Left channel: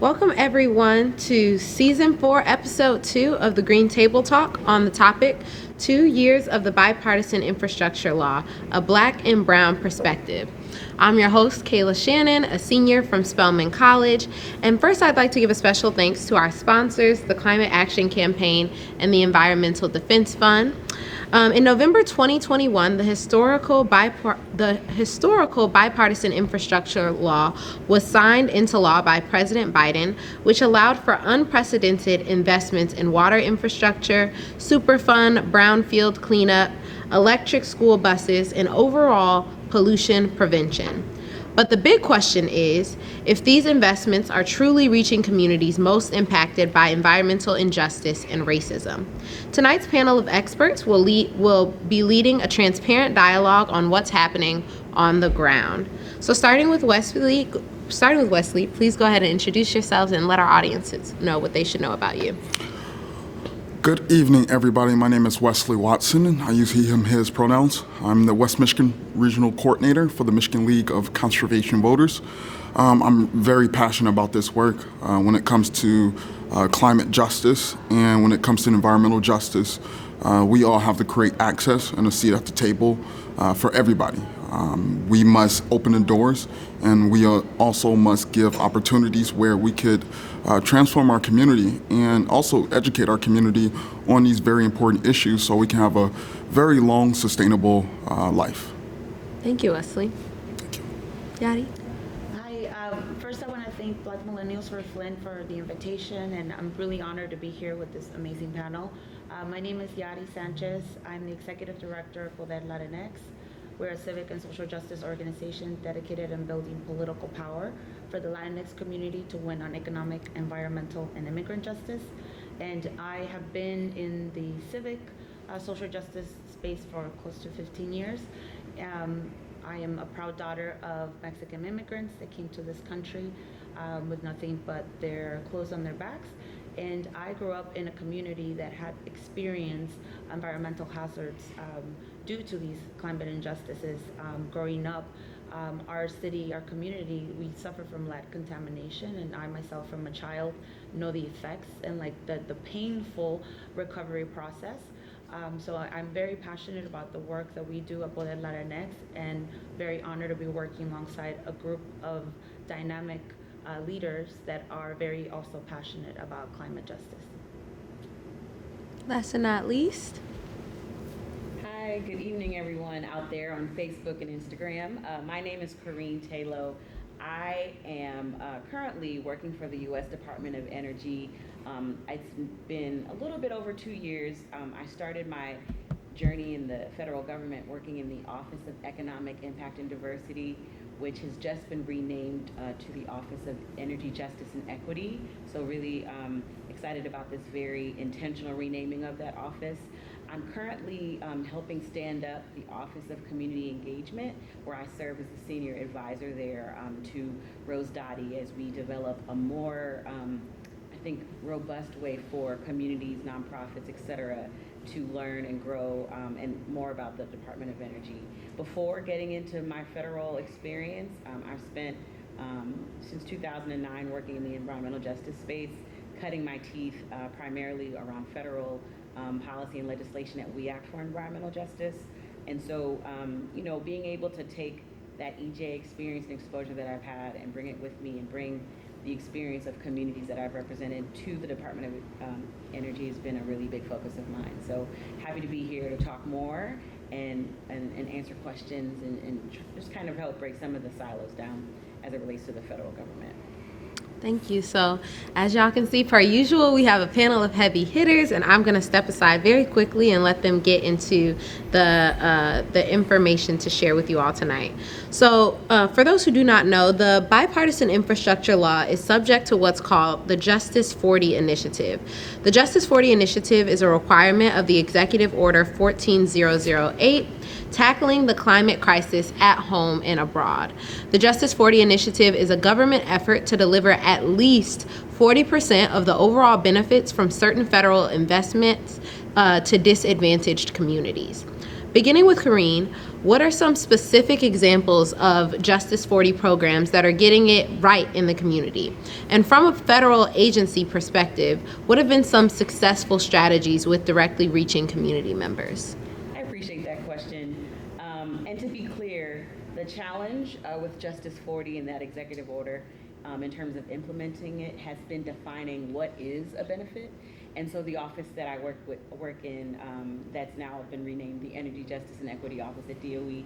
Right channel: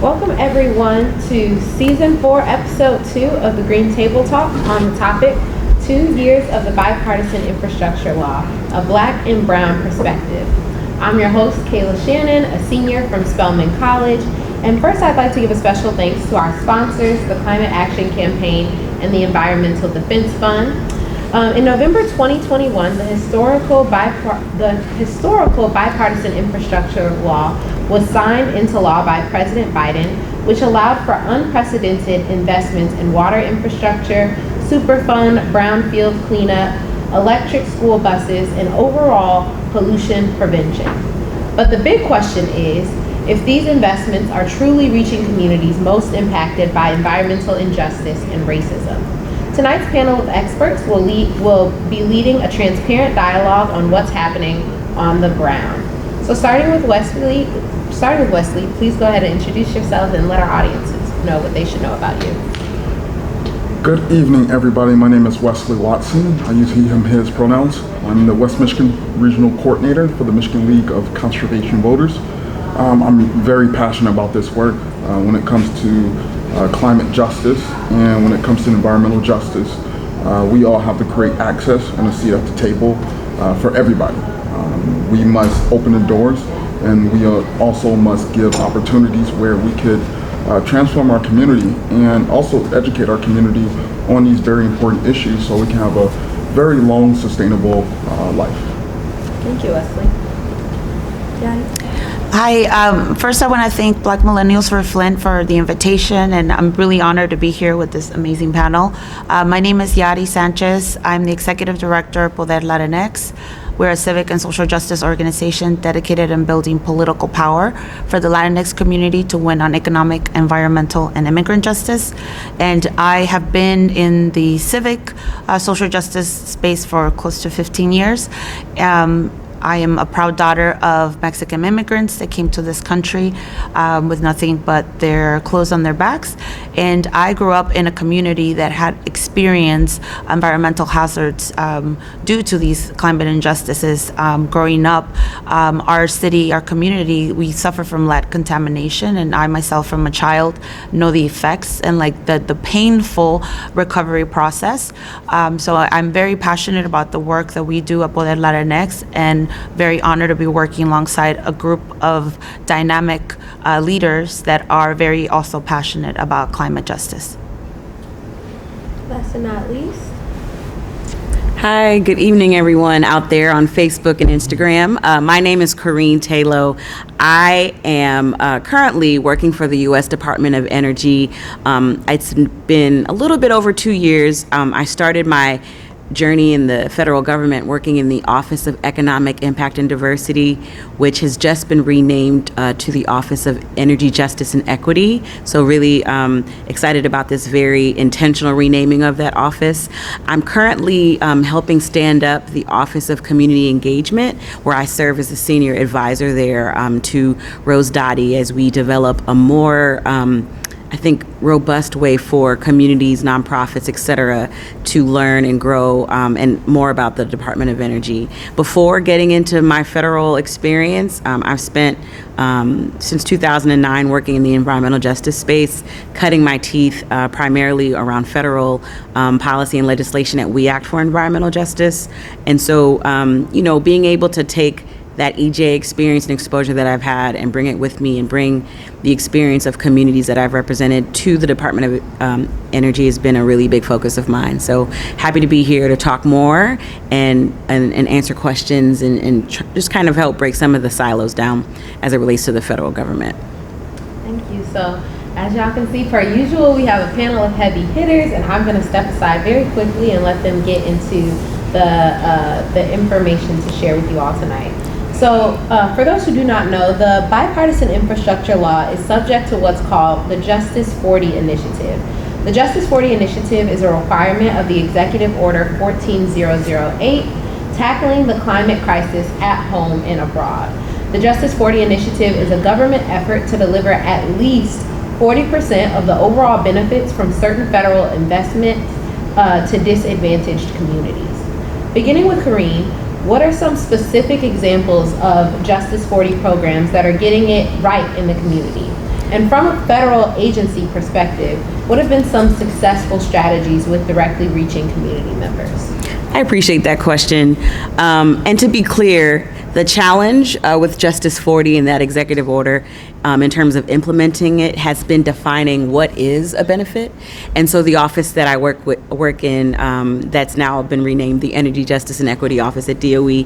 Welcome everyone to Season 4, Episode 2 of the Green Table Talk on the topic 2 years of the Bipartisan Infrastructure Law, a Black and Brown perspective. I'm your host, Kayla Shannon, a senior from Spelman College. And first I'd like to give a special thanks to our sponsors, the Climate Action Campaign and the Environmental Defense Fund. In November 2021, the historical Bipartisan Infrastructure Law was signed into law by President Biden, which allowed for unprecedented investments in water infrastructure, superfund, brownfield cleanup, electric school buses, and overall pollution prevention. But the big question is, if these investments are truly reaching communities most impacted by environmental injustice and racism. Tonight's panel of experts will be leading a transparent dialogue on what's happening on the ground. So starting with Wesley, please go ahead and introduce yourselves and let our audiences know what they should know about you. Good evening, everybody. My name is Wesley Watson. I use he, him, his pronouns. I'm the West Michigan Regional Coordinator for the Michigan League of Conservation Voters. I'm very passionate about this work when it comes to climate justice and when it comes to environmental justice. We all have to create access and a seat at the table for everybody. We must open the doors, and we also must give opportunities where we could transform our community and also educate our community on these very important issues so we can have a very long, sustainable life. Thank you, Wesley. Daddy? Hi, first I want to thank Black Millennials for Flint for the invitation, and I'm really honored to be here with this amazing panel. My name is Yadi Sanchez. I'm the Executive Director of Poder Latinx. We're a civic and social justice organization dedicated in building political power for the Latinx community to win on economic, environmental, and immigrant justice. And I have been in the civic social justice space for close to 15 years. I am a proud daughter of Mexican immigrants that came to this country with nothing but their clothes on their backs. And I grew up in a community that had experienced environmental hazards due to these climate injustices. Growing up, our city, our community, we suffer from lead contamination. And I myself, from a child, know the effects and like the painful recovery process. So I'm very passionate about the work that we do at Poder Latinx, and very honored to be working alongside a group of dynamic leaders that are very also passionate about climate justice. Last but not least. Hi, good evening, everyone out there on Facebook and Instagram. My name is Corrine Taylor. I am currently working for the U.S. Department of Energy. It's been a little bit over 2 years. I started my journey in the federal government working in the Office of Economic Impact and Diversity, which has just been renamed to the Office of Energy Justice and Equity. So really excited about this very intentional renaming of that office. I'm currently helping stand up the Office of Community Engagement, where I serve as a senior advisor there to Rose Dottie as we develop a more robust way for communities, nonprofits, et cetera, to learn and grow and more about the Department of Energy. Before getting into my federal experience, I've spent since 2009 working in the environmental justice space, cutting my teeth primarily around federal policy and legislation at We Act for Environmental Justice. And so, being able to take that EJ experience and exposure that I've had and bring it with me and bring the experience of communities that I've represented to the Department of Energy has been a really big focus of mine. So happy to be here to talk more and answer questions and just kind of help break some of the silos down as it relates to the federal government. Thank you. So as y'all can see, per usual, we have a panel of heavy hitters, and I'm going to step aside very quickly and let them get into the information to share with you all tonight. So for those who do not know, the Bipartisan Infrastructure Law is subject to what's called the Justice 40 Initiative. The Justice 40 Initiative is a requirement of the Executive Order 14008, tackling the climate crisis at home and abroad. The Justice 40 Initiative is a government effort to deliver at least 40% of the overall benefits from certain federal investments to disadvantaged communities. Beginning with Corrine, what are some specific examples of Justice 40 programs that are getting it right in the community? And from a federal agency perspective, what have been some successful strategies with directly reaching community members? I appreciate that question. And to be clear, the challenge with Justice 40 and that executive order in terms of implementing it has been defining what is a benefit. And so the office that I work in, that's now been renamed the Energy Justice and Equity Office at DOE,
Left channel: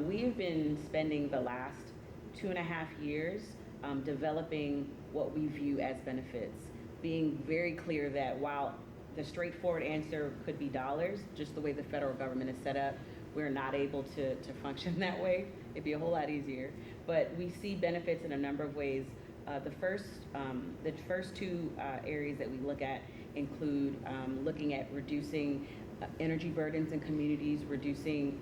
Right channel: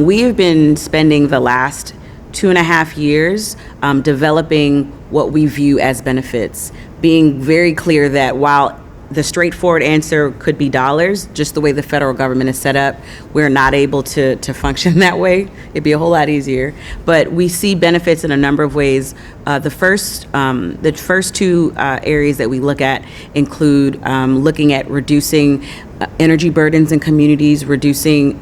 we have been spending the last 2.5 years developing what we view as benefits, being very clear that while the straightforward answer could be dollars, just the way the federal government is set up, we're not able to function that way. It'd be a whole lot easier. But we see benefits in a number of ways. The first two areas that we look at include looking at reducing energy burdens in communities, reducing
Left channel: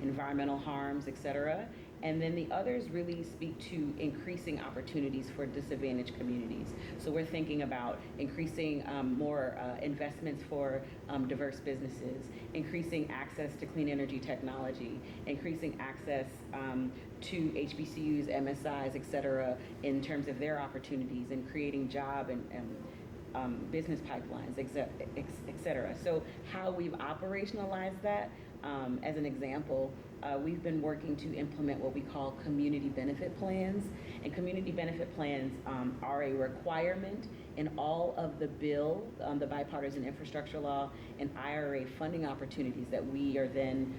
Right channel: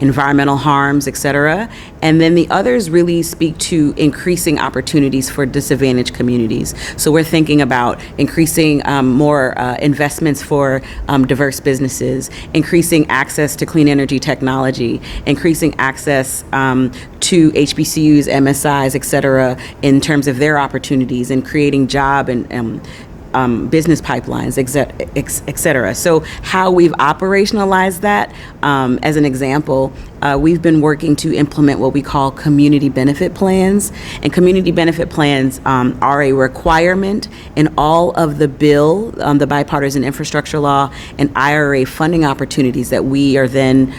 environmental harms, et cetera. And then the others really speak to increasing opportunities for disadvantaged communities. So we're thinking about increasing more investments for diverse businesses, increasing access to clean energy technology, increasing access to HBCUs, MSIs, et cetera, in terms of their opportunities and creating job and business pipelines, et cetera. So how we've operationalized that, as an example, we've been working to implement what we call community benefit plans. And community benefit plans are a requirement in all of the bill, the Bipartisan Infrastructure Law and IRA funding opportunities that we are then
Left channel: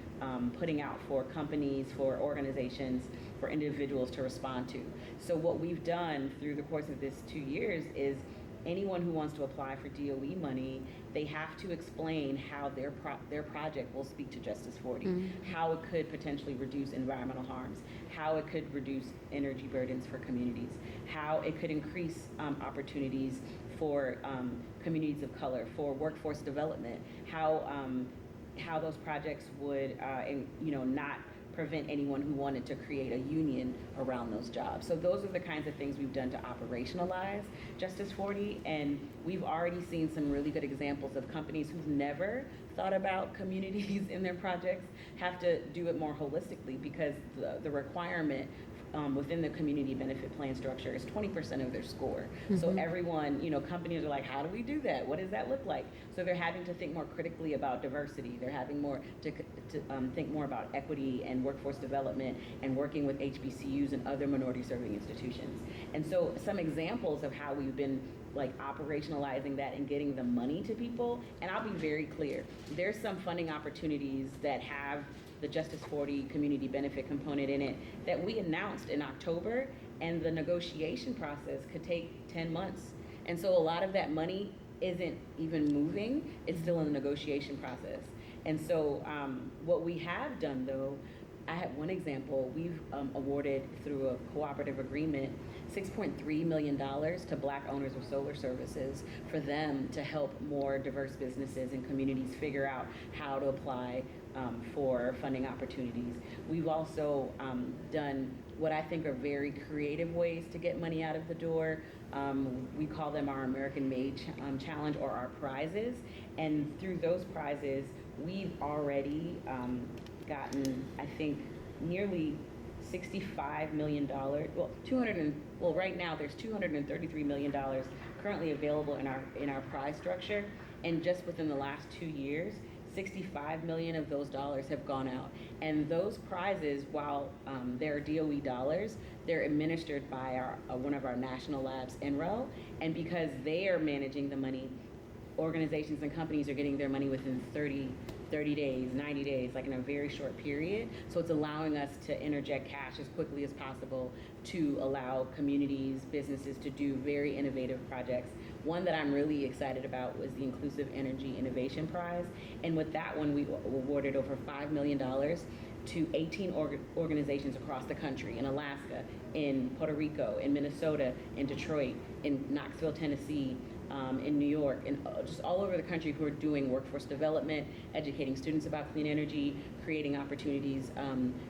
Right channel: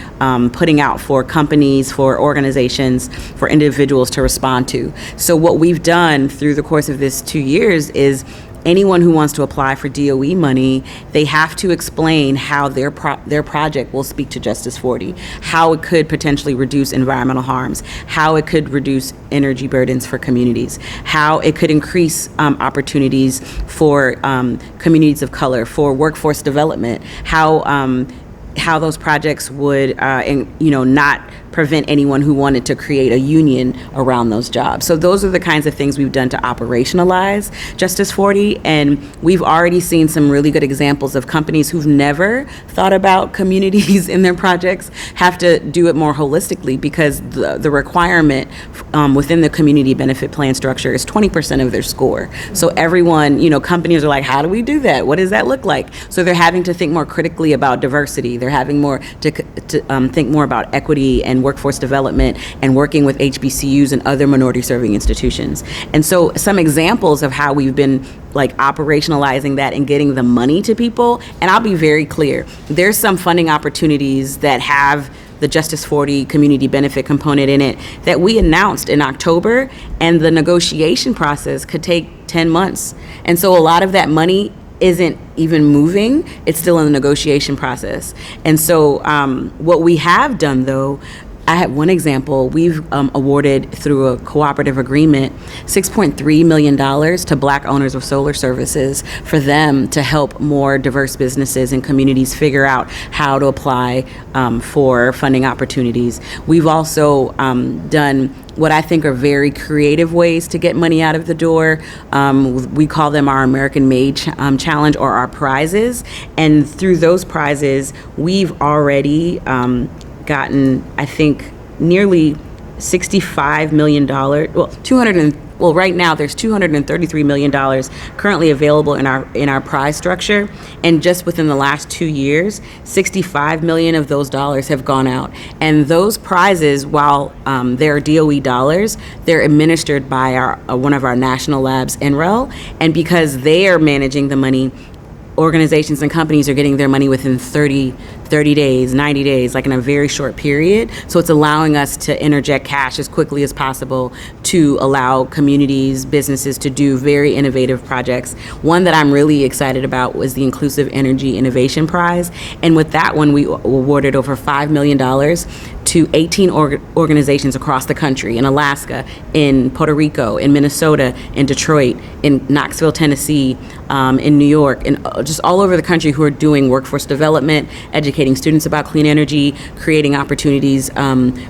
putting out for companies, for organizations, for individuals to respond to. So what we've done through the course of this 2 years is anyone who wants to apply for DOE money, they have to explain how their project will speak to Justice 40, how it could potentially reduce environmental harms, how it could reduce energy burdens for communities, how it could increase opportunities for communities of color, for workforce development, how those projects would, not prevent anyone who wanted to create a union around those jobs. So those are the kinds of things we've done to operationalize Justice 40, and we've already seen some really good examples of companies who've never thought about communities in their projects have to do it more holistically because the requirement within the community benefit plan structure is 20% of their score. So everyone, companies are like, how do we do that? What does that look like? So they're having to think more critically about diversity. They're having more to think more about equity and workforce development and working with HBCUs and other minority serving institutions. And so some examples of how we've been operationalizing that and getting the money to people, and I'll be very clear, there's some funding opportunities that have the Justice 40 community benefit component in it that we announced in October, and the negotiation process could take 10 months. And so a lot of that money isn't even moving, it's still in the negotiation process. And so what we have done though, I have one example. We've awarded through a cooperative agreement $6.3 million to Black owners of solar services for them to help more diverse businesses and communities figure out how to apply for funding opportunities. We've also done what I think are very creative ways to get money out of the door. We call them our American Made Challenge or our prizes. And through those prizes, we've already gotten, I think, nearly $65 million, right now there's $233 million currently available in our prize structure. And just within the last 2 years, $65 million of those dollars have gone out. And those prizes, while they're DOE dollars, they're administered by one of our national labs, NREL. And because they are managing the money, organizations and companies are getting their money within 30 days, 90 days, in a very short period. So it's allowing us to interject cash as quickly as possible to allow communities, businesses to do very innovative projects. One that I'm really excited about was the Inclusive Energy Innovation Prize. And with that one, we awarded over $5 million to 18 organizations across the country, in Alaska, in Puerto Rico, in Minnesota, in Detroit, in Knoxville, Tennessee, in New York, and just all over the country who are doing workforce development, education educating students about clean energy, creating opportunities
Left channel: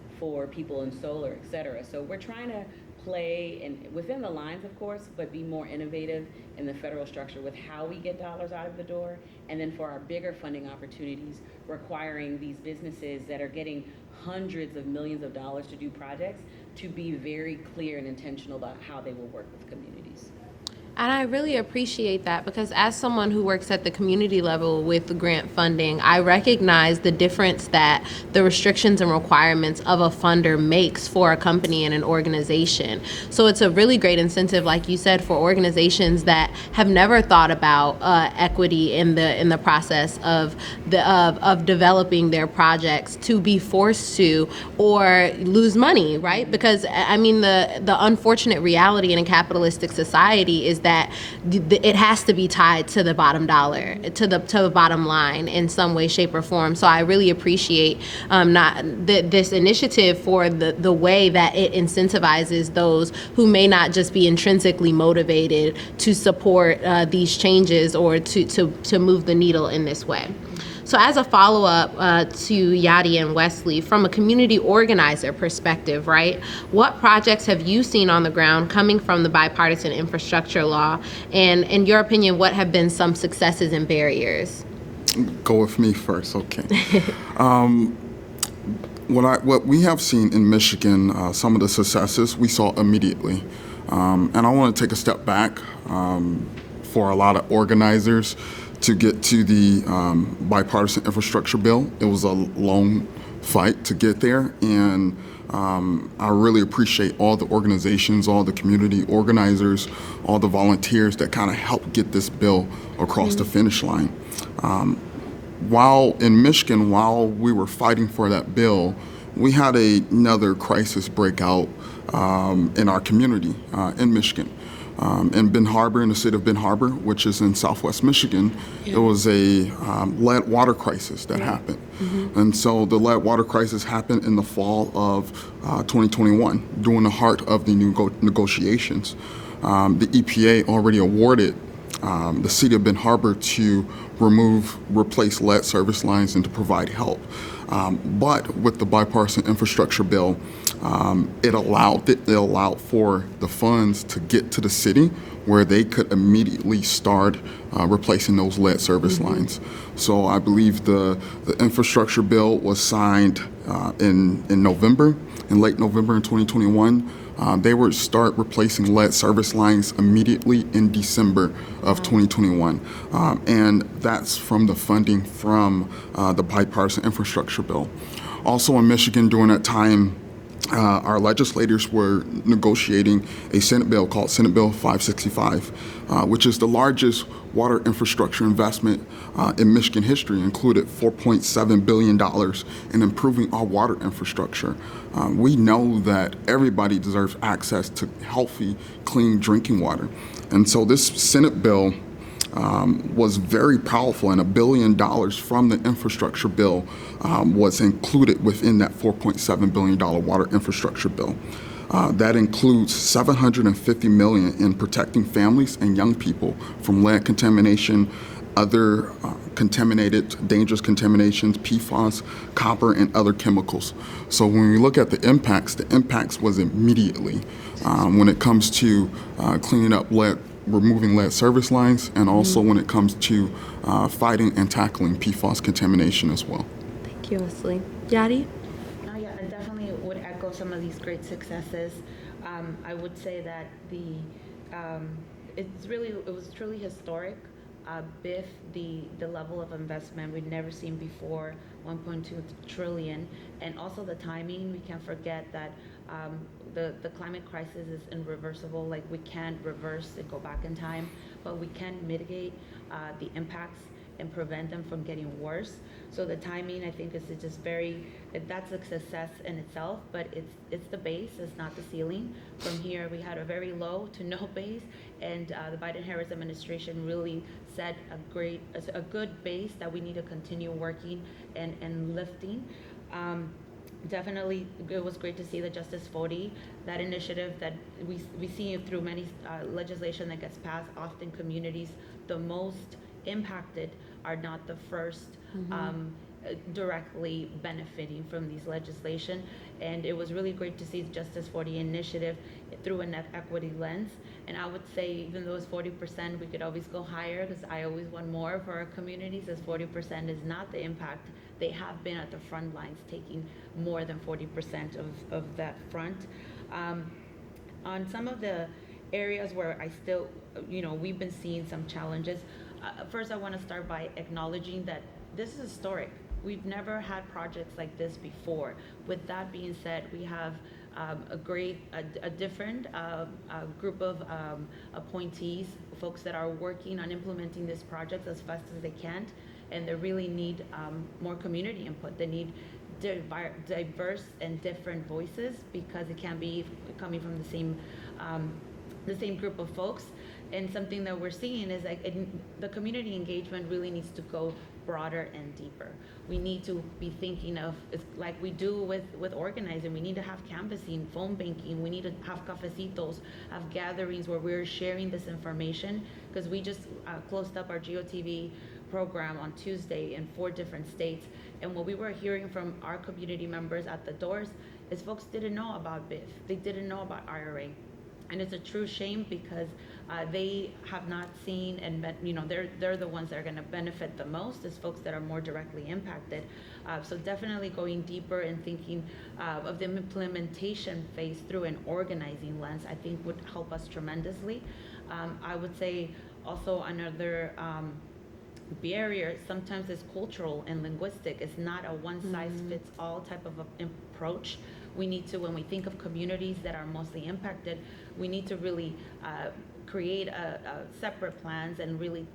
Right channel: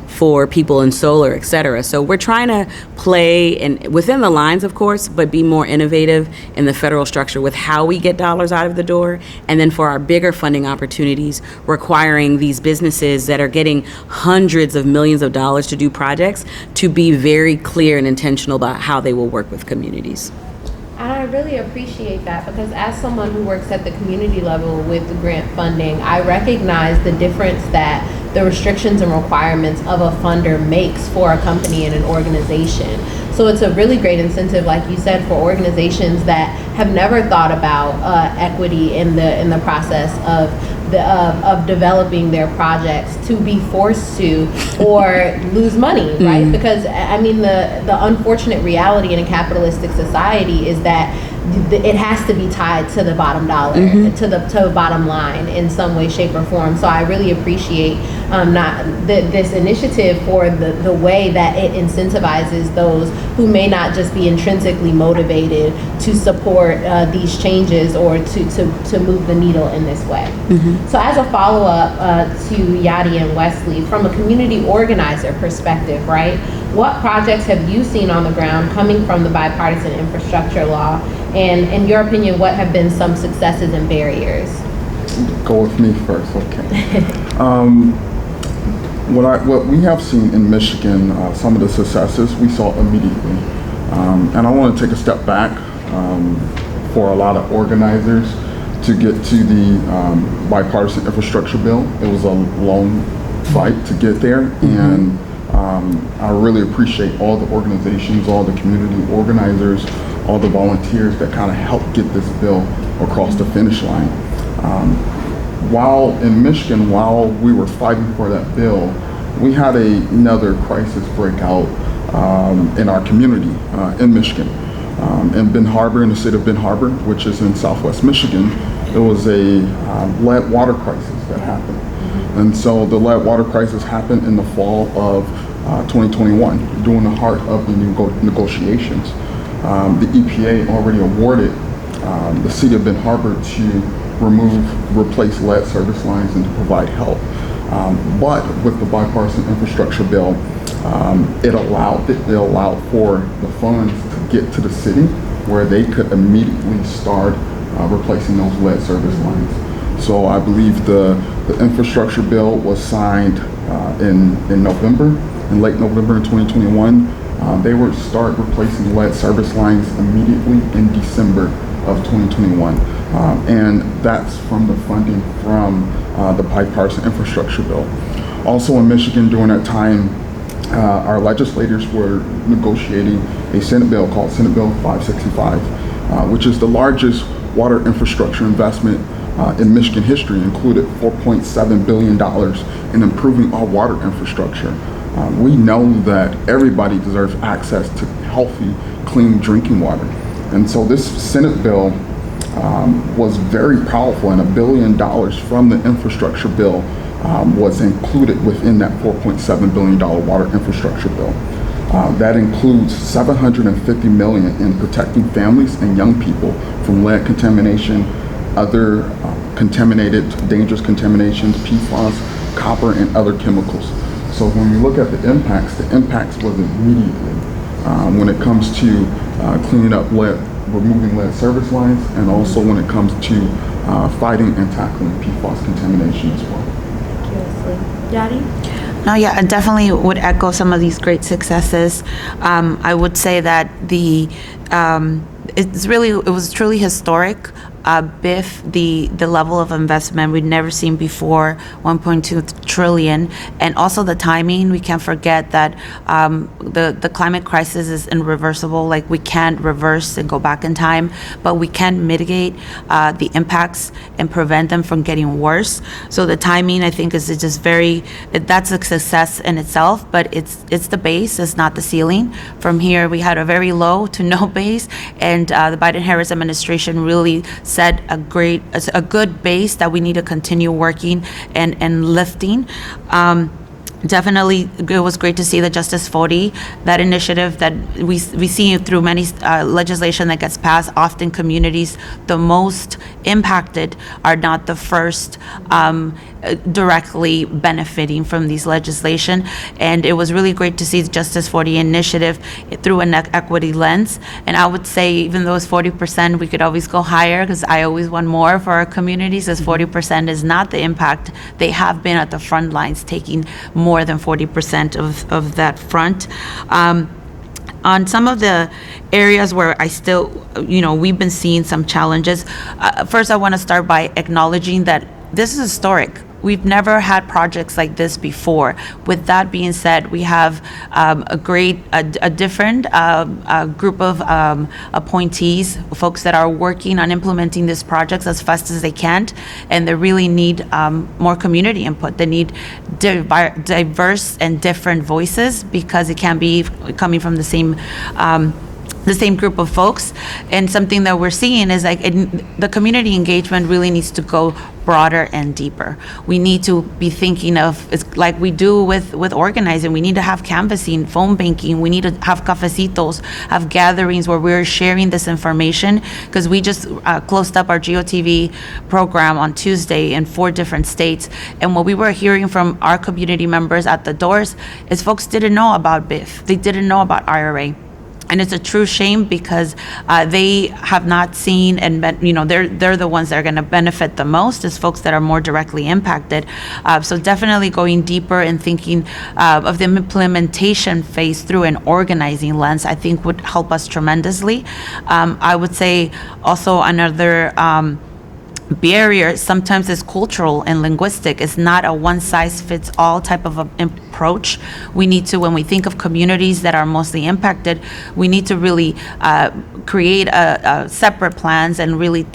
for people in solar, et cetera. So we're trying to play within the lines, of course, but be more innovative in the federal structure with how we get dollars out of the door. And then for our bigger funding opportunities, requiring these businesses that are getting hundreds of millions of dollars to do projects to be very clear and intentional about how they will work with communities. And I really appreciate that, because as someone who works at the community level with the grant funding, I recognize the difference that the restrictions and requirements of a funder makes for a company and an organization. So it's a really great incentive, like you said, for organizations that have never thought about equity in the process of developing their projects to be forced to or lose money, right? Because I mean, the unfortunate reality in a capitalistic society is that it has to be tied to the bottom dollar, to the bottom line in some way, shape, or form. So I really appreciate this initiative for the way that it incentivizes those who may not just be intrinsically motivated to support these changes or to move the needle in this way. So as a follow-up to Yadi and Wesley, from a community organizer perspective, right, what projects have you seen on the ground coming from the Bipartisan Infrastructure Law? And in your opinion, what have been some successes and barriers? Go with me first, okay. What we have seen in Michigan, some of the successes we saw immediately. And I want to take a step back for a lot of organizers to get to the Bipartisan Infrastructure Bill. It was a long fight to get there, and I really appreciate all the organizations, all the community organizers, all the volunteers that kind of helped get this bill across the finish line. While in Michigan, while we were fighting for that bill, we had another crisis break out in our community in Michigan. In Benton Harbor, in the state of Benton Harbor, which is in southwest Michigan, there was a lead water crisis that happened. And so the lead water crisis happened in the fall of 2021, during the heart of the negotiations. The EPA already awarded the city of Benton Harbor to replace lead service lines and to provide help. But with the Bipartisan Infrastructure Bill, it allowed for the funds to get to the city where they could immediately start replacing those lead service lines. So I believe the infrastructure bill was signed in November, in late November in 2021. They would start replacing lead service lines immediately in December of 2021. And that's from the funding from the Bipartisan Infrastructure Bill. Also in Michigan during that time, our legislators were negotiating a Senate bill called Senate Bill 565, which is the largest water infrastructure investment in Michigan history, included $4.7 billion in improving our water infrastructure. We know that everybody deserves access to healthy, clean drinking water. And so this Senate bill was very powerful, and $1 billion from the infrastructure bill was included within that $4.7 billion water infrastructure bill. That includes $750 million in protecting families and young people from lead contamination, other dangerous contaminations, PFAS, copper, and other chemicals. So when we look at the impacts was immediately when it comes to cleaning up lead, removing lead service lines, and also when it comes to fighting and tackling PFAS contamination as well. Thank you, Wesley. Yadi? No, yeah, I definitely would echo some of these great successes. I would say that it was truly historic. BIF, the level of investment we'd never seen before, 1.2 trillion, and also the timing. We can't forget that the climate crisis is irreversible. Like, we can't reverse and go back in time, but we can mitigate the impacts and prevent them from getting worse. So the timing, I think, is just that's a success in itself, but it's the base, it's not the ceiling. From here, we had a very low to no base, and the Biden-Harris administration really set a good base that we need to continue working and lifting. Definitely, it was great to see the Justice 40, that initiative that we see through many legislation that gets passed. Often communities the most impacted are not the first directly benefiting from these legislation. And it was really great to see Justice 40 initiative through an equity lens. And I would say, even though it's 40%, we could always go higher, because I always want more for our communities, as 40% is not the impact. They have been at the front lines, taking more than 40% of that front. On some of the areas where I still, we've been seeing some challenges. First, I want to start by acknowledging that this is historic. We've never had projects like this before. With that being said, we have a different group of appointees, folks that are working on implementing these projects as fast as they can, and they really need more community input. They need diverse and different voices, because it can't be coming from the same group of folks. And something that we're seeing is the community engagement really needs to go broader and deeper. We need to be thinking of, it's like we do with organizing. We need to have canvassing, phone banking. We need to have cafecitos, have gatherings where we're sharing this information, because we just closed up our GOTV program on Tuesday in 4 different states. And what we were hearing from our community members at the doors is folks didn't know about BIF. They didn't know about IRA. And it's a true shame, because they have not seen, and they're the ones that are going to benefit the most, as folks that are more directly impacted. So definitely going deeper and thinking of the implementation phase through an organizing lens, I think would help us tremendously. I would say also another barrier sometimes is cultural and linguistic. It's not a one-size-fits-all type of approach. We need to, when we think of communities that are mostly impacted, we need to really create separate plans and really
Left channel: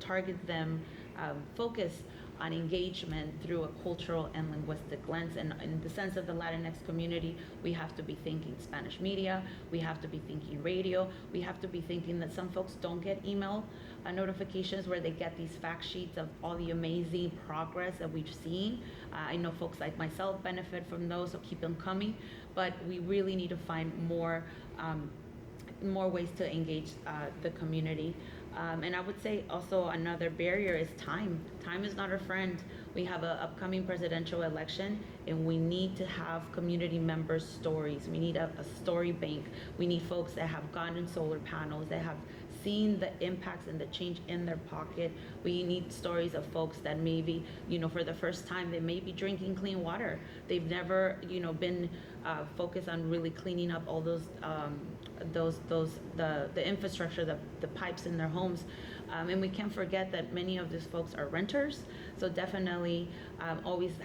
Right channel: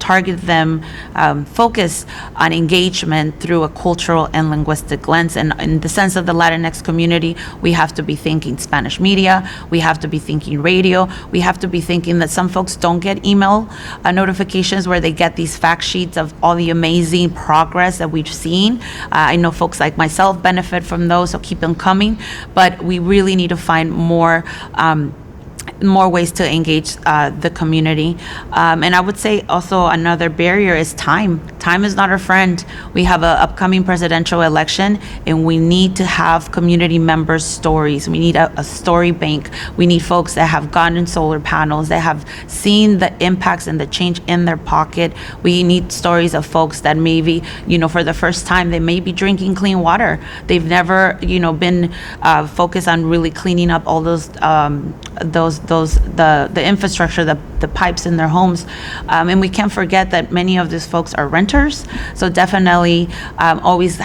target them, focus on engagement through a cultural and linguistic lens. And in the sense of the Latinx community, we have to be thinking Spanish media, we have to be thinking radio, we have to be thinking that some folks don't get email notifications where they get these fact sheets of all the amazing progress that we've seen. I know folks like myself benefit from those, so keep them coming. But we really need to find more ways to engage the community. And I would say also another barrier is time. Time is not our friend. We have an upcoming presidential election, and we need to have community members' stories. We need a story bank. We need folks that have gotten solar panels, that have seen the impacts and the change in their pocket. We need stories of folks that maybe, for the first time, they may be drinking clean water. They've never, been focused on really cleaning up all the infrastructure, the pipes in their homes. And we can't forget that many of these folks are renters. So definitely always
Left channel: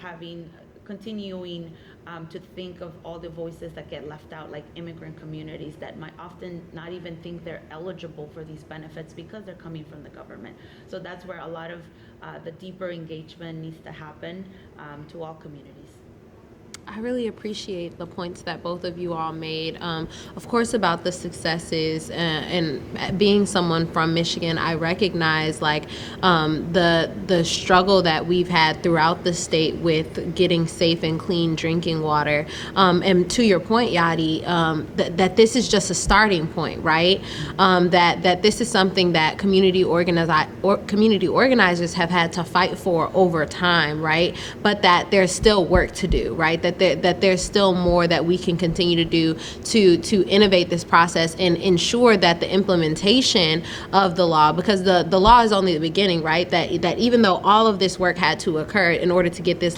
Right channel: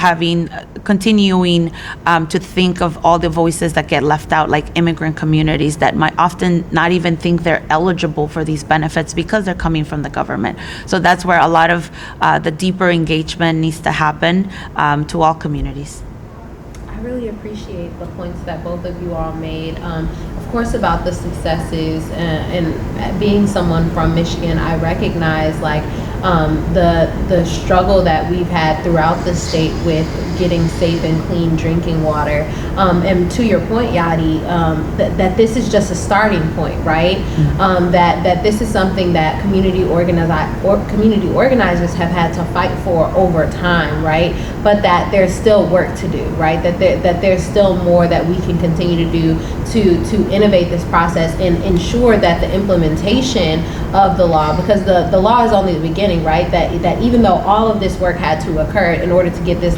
continuing to think of all the voices that get left out, like immigrant communities that might often not even think they're eligible for these benefits because they're coming from the government. So that's where a lot of the deeper engagement needs to happen to all communities. I really appreciate the points that both of you all made. Of course, about the successes, and being someone from Michigan, I recognize the struggle that we've had throughout the state with getting safe and clean drinking water. And to your point, Yadi, that this is just a starting point, right? Mm-hmm. That this is something that community organizers have had to fight for over time, right? But that there's still work to do, right? That there's still more that we can continue to do to innovate this process and ensure that the implementation of the law, because the law is only the beginning, right? That even though all of this work had to occur in order to get this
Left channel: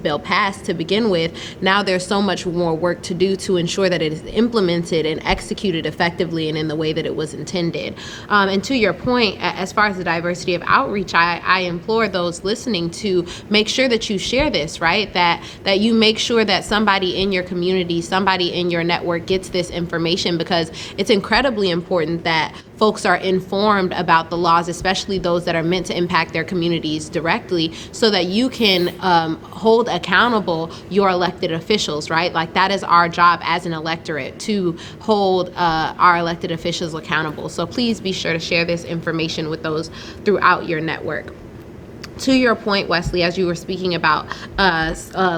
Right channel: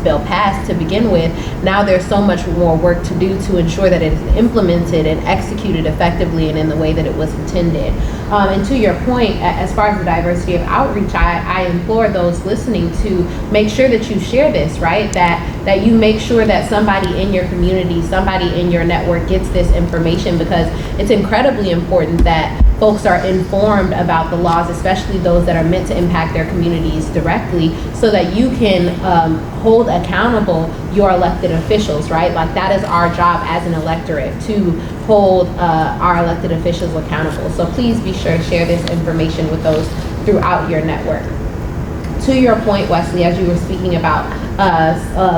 bill passed to begin with, now there's so much more work to do to ensure that it is implemented and executed effectively and in the way that it was intended. And to your point, as far as the diversity of outreach, I implore those listening to make sure that you share this, right? That you make sure that somebody in your community, somebody in your network gets this information, because it's incredibly important that folks are informed about the laws, especially those that are meant to impact their communities directly, so that you can hold accountable your elected officials, right? Like, that is our job as an electorate, to hold our elected officials accountable. So please be sure to share this information with those throughout your network. To your point, Wesley, as you were speaking about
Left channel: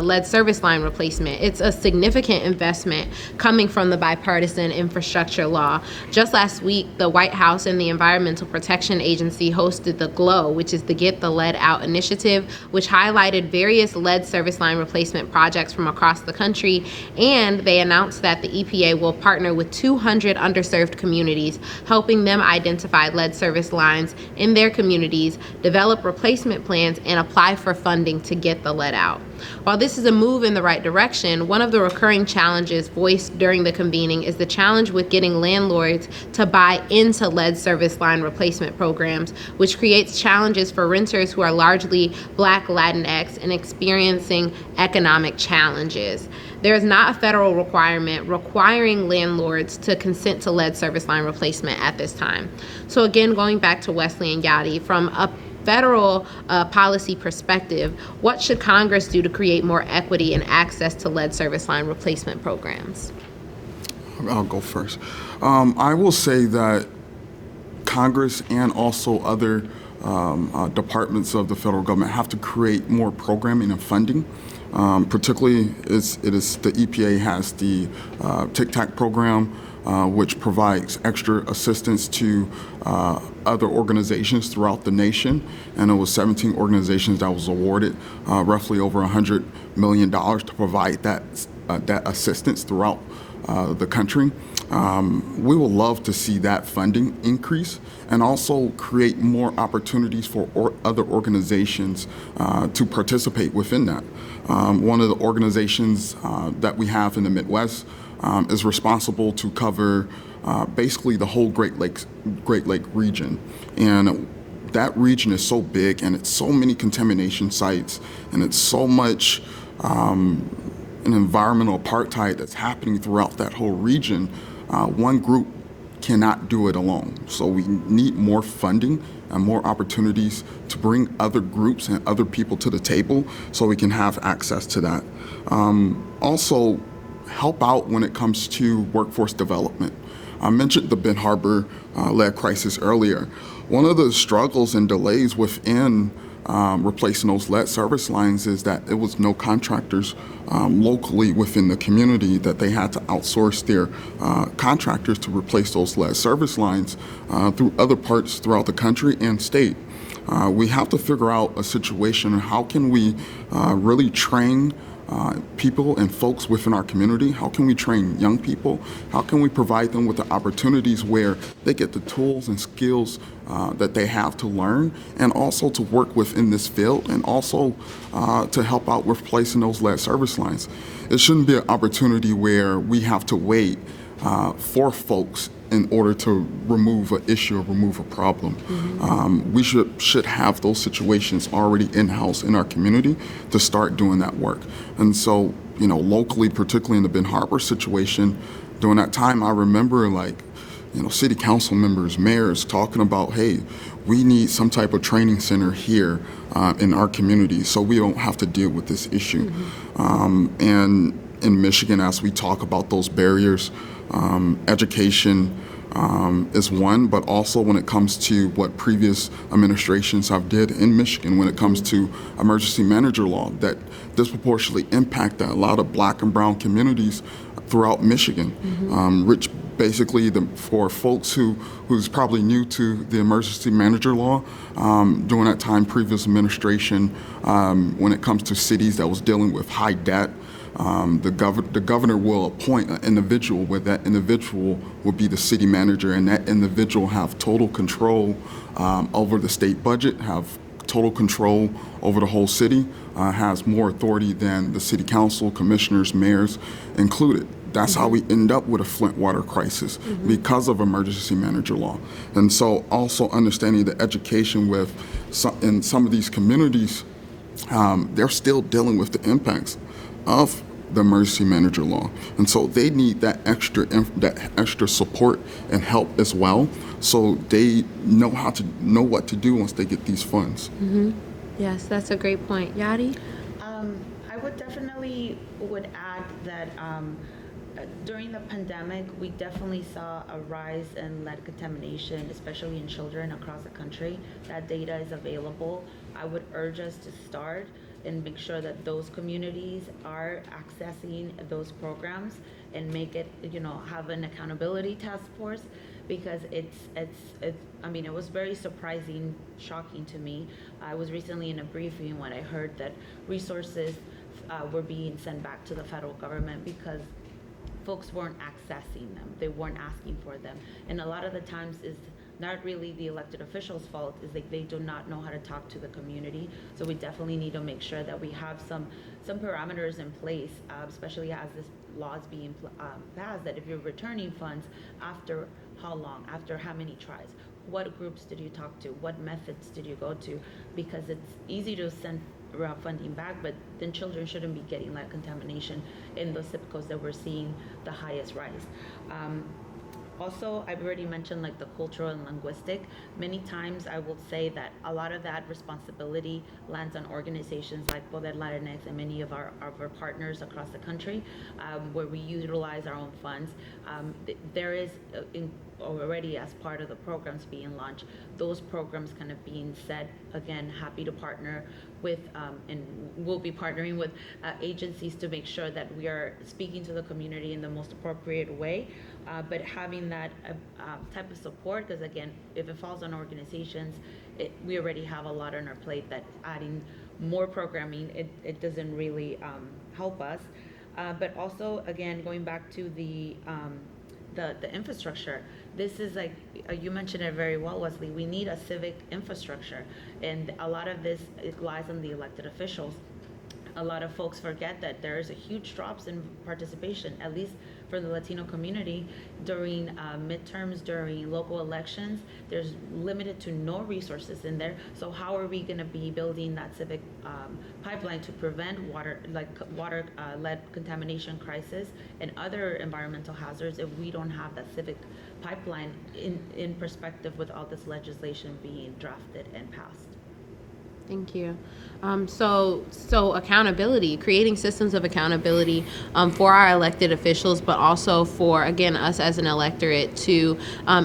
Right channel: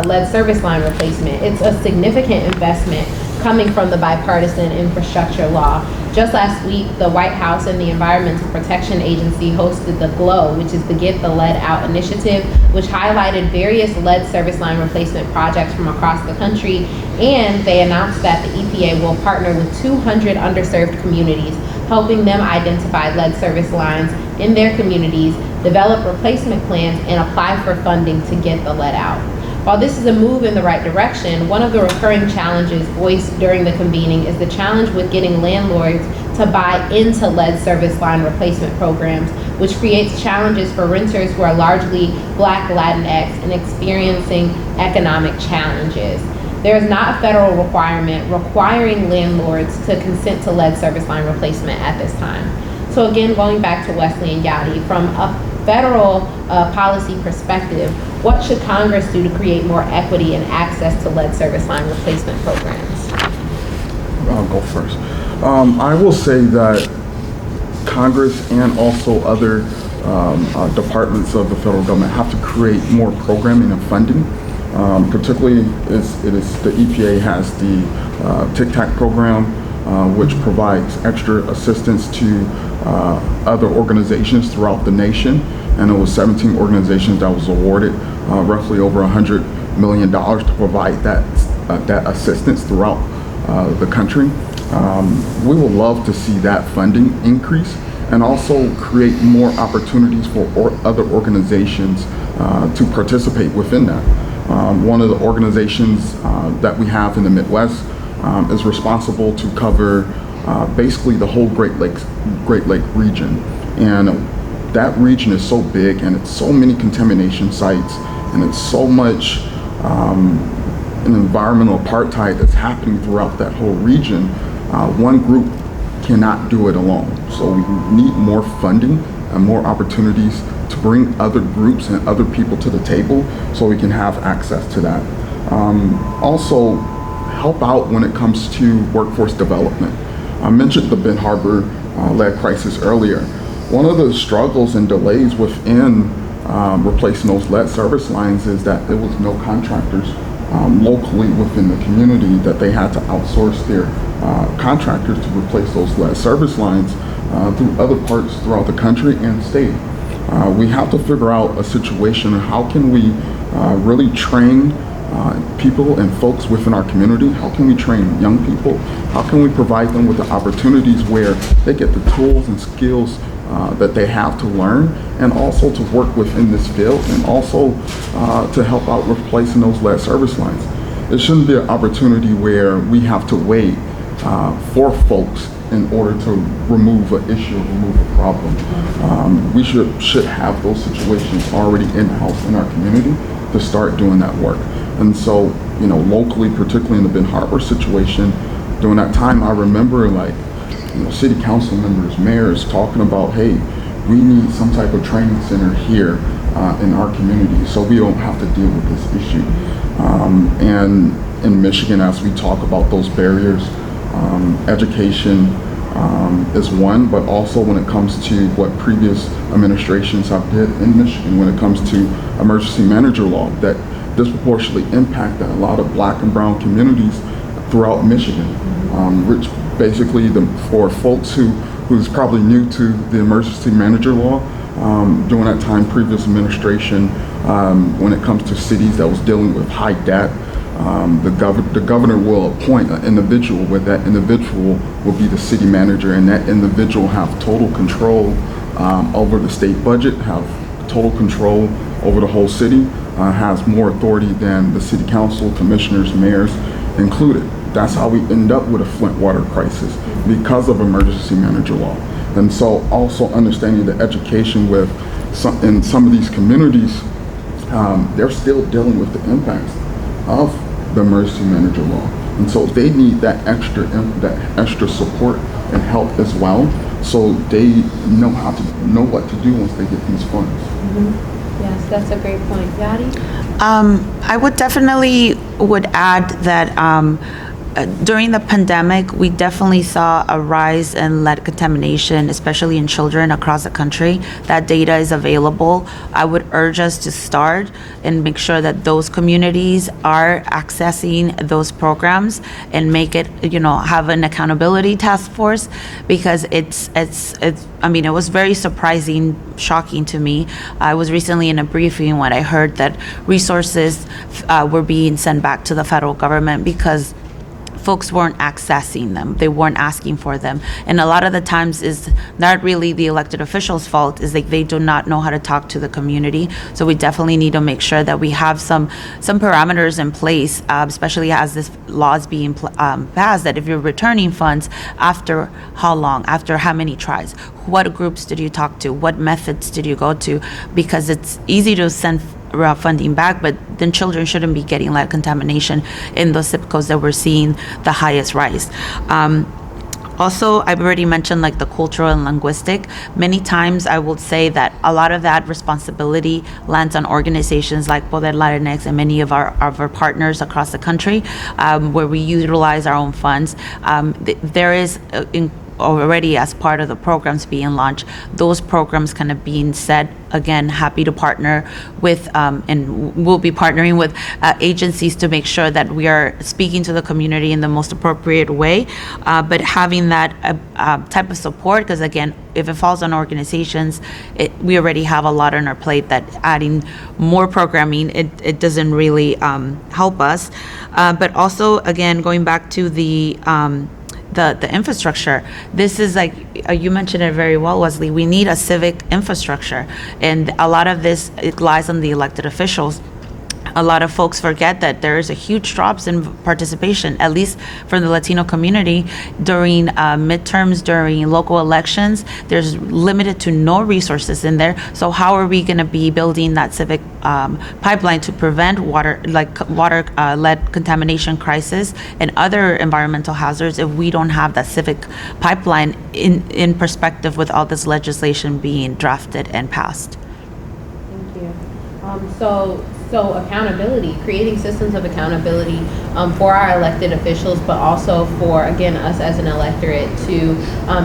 lead service line replacement, it's a significant investment coming from the Bipartisan Infrastructure Law. Just last week, the White House and the Environmental Protection Agency hosted the GLOW, which is the Get the Lead Out initiative, which highlighted various lead service line replacement projects from across the country. And they announced that the EPA will partner with 200 underserved communities, helping them identify lead service lines in their communities, develop replacement plans, and apply for funding to get the lead out. While this is a move in the right direction, one of the recurring challenges voiced during the convening is the challenge with getting landlords to buy into lead service line replacement programs, which creates challenges for renters who are largely Black, Latinx, and experiencing economic challenges. There is not a federal requirement requiring landlords to consent to lead service line replacement at this time. So again, going back to Wesley and Yadi, from a federal policy perspective, what should Congress do to create more equity and access to lead service line replacement programs? I'll go first. I will say that Congress and also other departments of the federal government have to create more programming and funding. Particularly, it is the EPA has the Tic-Tac program, which provides extra assistance to other organizations throughout the nation, and it was 17 organizations that was awarded roughly over $100 million to provide that assistance throughout the country. We would love to see that funding increase and also create more opportunities for other organizations to participate within that. One of the organizations that we have in the Midwest is responsible to cover basically the whole Great Lake region, and that region is so big, and it's so many contamination sites, and it's so much an environmental apartheid that's happening throughout that whole region. One group cannot do it alone, so we need more funding and more opportunities to bring other groups and other people to the table so we can have access to that. Also, help out when it comes to workforce development. I mentioned the Ben Harbor lead crisis earlier. One of the struggles and delays within replacing those lead service lines is that there was no contractors locally within the community, that they had to outsource their contractors to replace those lead service lines through other parts throughout the country and state. We have to figure out a situation of how can we really train people and folks within our community. How can we train young people? How can we provide them with the opportunities where they get the tools and skills that they have to learn, and also to work within this field, and also to help out replacing those lead service lines. It shouldn't be an opportunity where we have to wait for folks in order to remove an issue, remove a problem. We should have those situations already in-house in our community to start doing that work. And so, locally, particularly in the Ben Harbor situation, during that time, I remember city council members, mayors talking about, hey, we need some type of training center here in our community so we don't have to deal with this issue. And in Michigan, as we talk about those barriers, education is one, but also when it comes to what previous administrations have did in Michigan when it comes to emergency manager law that disproportionately impacted a lot of Black and brown communities throughout Michigan, which basically for folks who's probably new to the emergency manager law, during that time, previous administration, when it comes to cities that was dealing with high debt, the governor will appoint an individual where that individual will be the city manager, and that individual have total control over the state budget, have total control over the whole city, has more authority than the city council, commissioners, mayors included. That's how we end up with a Flint water crisis because of emergency manager law. And so also understanding the education in some of these communities, they're still dealing with the impacts of the emergency manager law. And so they need that extra support and help as well, so they know what to do once they get these funds. Yes, that's a great point. Yadi? I would definitely add that During the pandemic, we definitely saw a rise in lead contamination, especially in children across the country. That data is available. I would urge us to start and make sure that those communities are accessing those programs and make it, have an accountability task force, because it's I mean, it was very surprising, shocking to me. I was recently in a briefing when I heard that resources were being sent back to the federal government because folks weren't accessing them. They weren't asking for them. And a lot of the times is not really the elected officials' fault, is like they do not know how to talk to the community. So we definitely need to make sure that we have some parameters in place, especially as this law is being passed, that if you're returning funds, after how long, after how many tries, what groups did you talk to, what methods did you go to? Because it's easy to send funding back, but then children shouldn't be getting lead contamination in those zip codes that we're seeing the highest rise. Also, I've already mentioned like the cultural and linguistic. Many times I will say that a lot of that responsibility lands on organizations like Poder Latinx and many of our partners across the country, where we utilize our own funds. There is already, as part of the programs being launched, those programs kind of being set. Again, happy to partner with, and we'll be partnering with agencies to make sure that we are speaking to the community in the most appropriate way, but having that type of support, because again, if it falls on organizations, we already have a lot on our plate that adding more programming, it doesn't really help us. But also, again, going back to the infrastructure. This is like, you mentioned it very well, Wesley. We need a civic infrastructure. And a lot of this, it lies on the elected officials. A lot of folks forget that there is a huge drops in participation, at least for the Latino community, during midterms, during local elections. There's limited to no resources in there. So how are we going to be building that civic pipeline to prevent water lead contamination crisis and other environmental hazards if we don't have that civic pipeline in perspective with all this legislation being drafted and passed? Thank you. So accountability, creating systems of accountability for our elected officials, but also for, again, us as an electorate to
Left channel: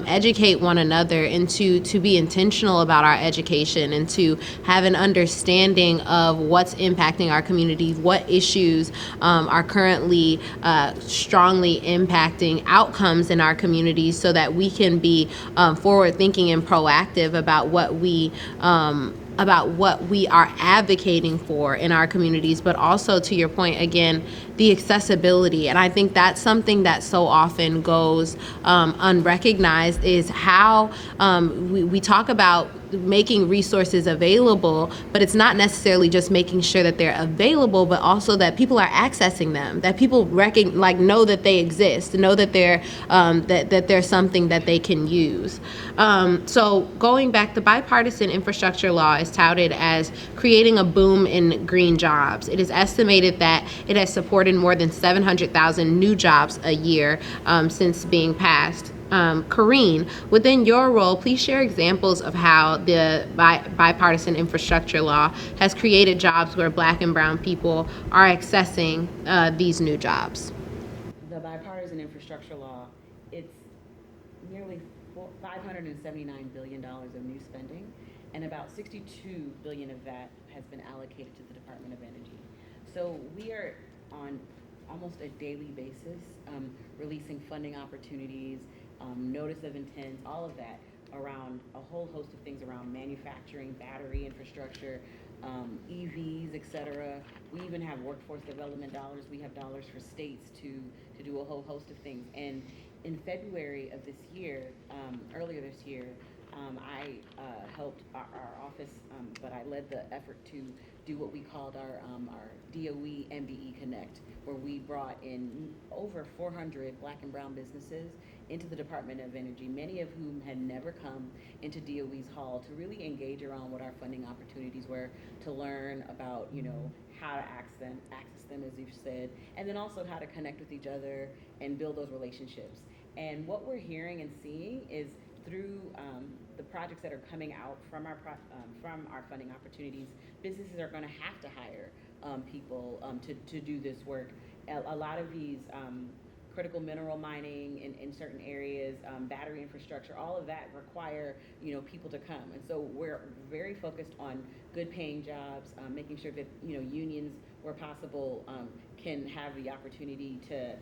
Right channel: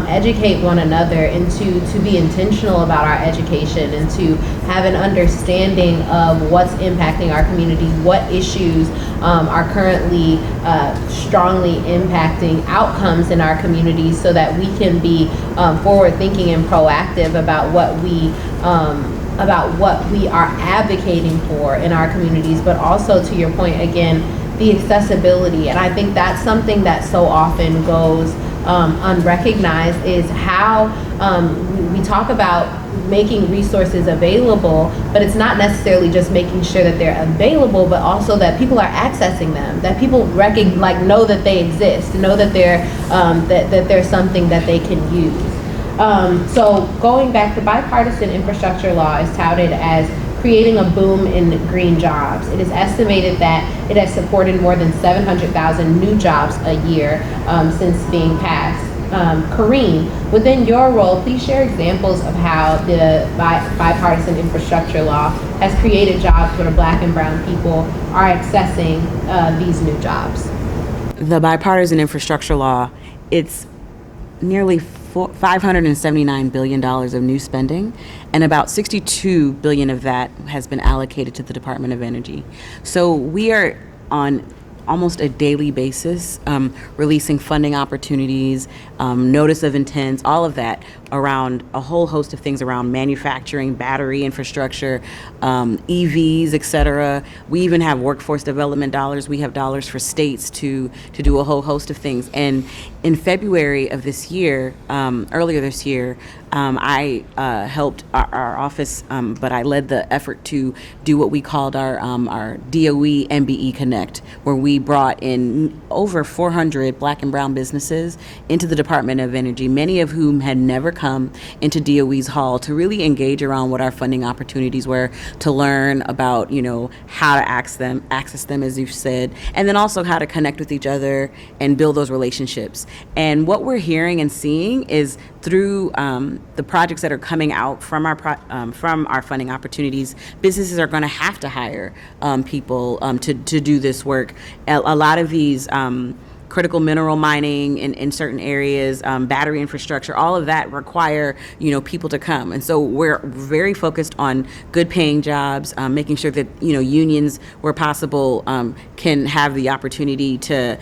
educate one another and to be intentional about our education and to have an understanding of what's impacting our community, what issues are currently strongly impacting outcomes in our communities, so that we can be forward thinking and proactive about what we are advocating for in our communities, but also, to your point, again, the accessibility. And I think that's something that so often goes unrecognized, is how we talk about making resources available, but it's not necessarily just making sure that they're available, but also that people are accessing them, that people know that they exist, know that they're that there's something that they can use. So going back, the Bipartisan Infrastructure Law is touted as creating a boom in green jobs. It is estimated that it has supported more than 700,000 new jobs a year since being passed. Karine, within your role, please share examples of how the Bipartisan Infrastructure Law has created jobs where Black and Brown people are accessing these new jobs. The Bipartisan Infrastructure Law, it's nearly $579 billion of new spending, and about $62 billion of that has been allocated to the Department of Energy. So we are on almost a daily basis releasing funding opportunities, notice of intents, all of that around a whole host of things around manufacturing, battery infrastructure, EVs, et cetera. We even have workforce development dollars. We have dollars for states to do a whole host of things. And in February of this year, earlier this year, I helped our office, but I led the effort to do what we called our DOE MBE Connect, where we brought in over 400 Black and Brown businesses into the Department of Energy, many of whom had never come into DOE's hall, to really engage around what our funding opportunities were, to learn about, how to access them, as you've said, and then also how to connect with each other and build those relationships. And what we're hearing and seeing is through the projects that are coming out from our funding opportunities, businesses are going to have to hire people to do this work. A lot of these critical mineral mining in certain areas, battery infrastructure, all of that require, people to come. And so we're very focused on good paying jobs, making sure that, unions where possible can have the opportunity to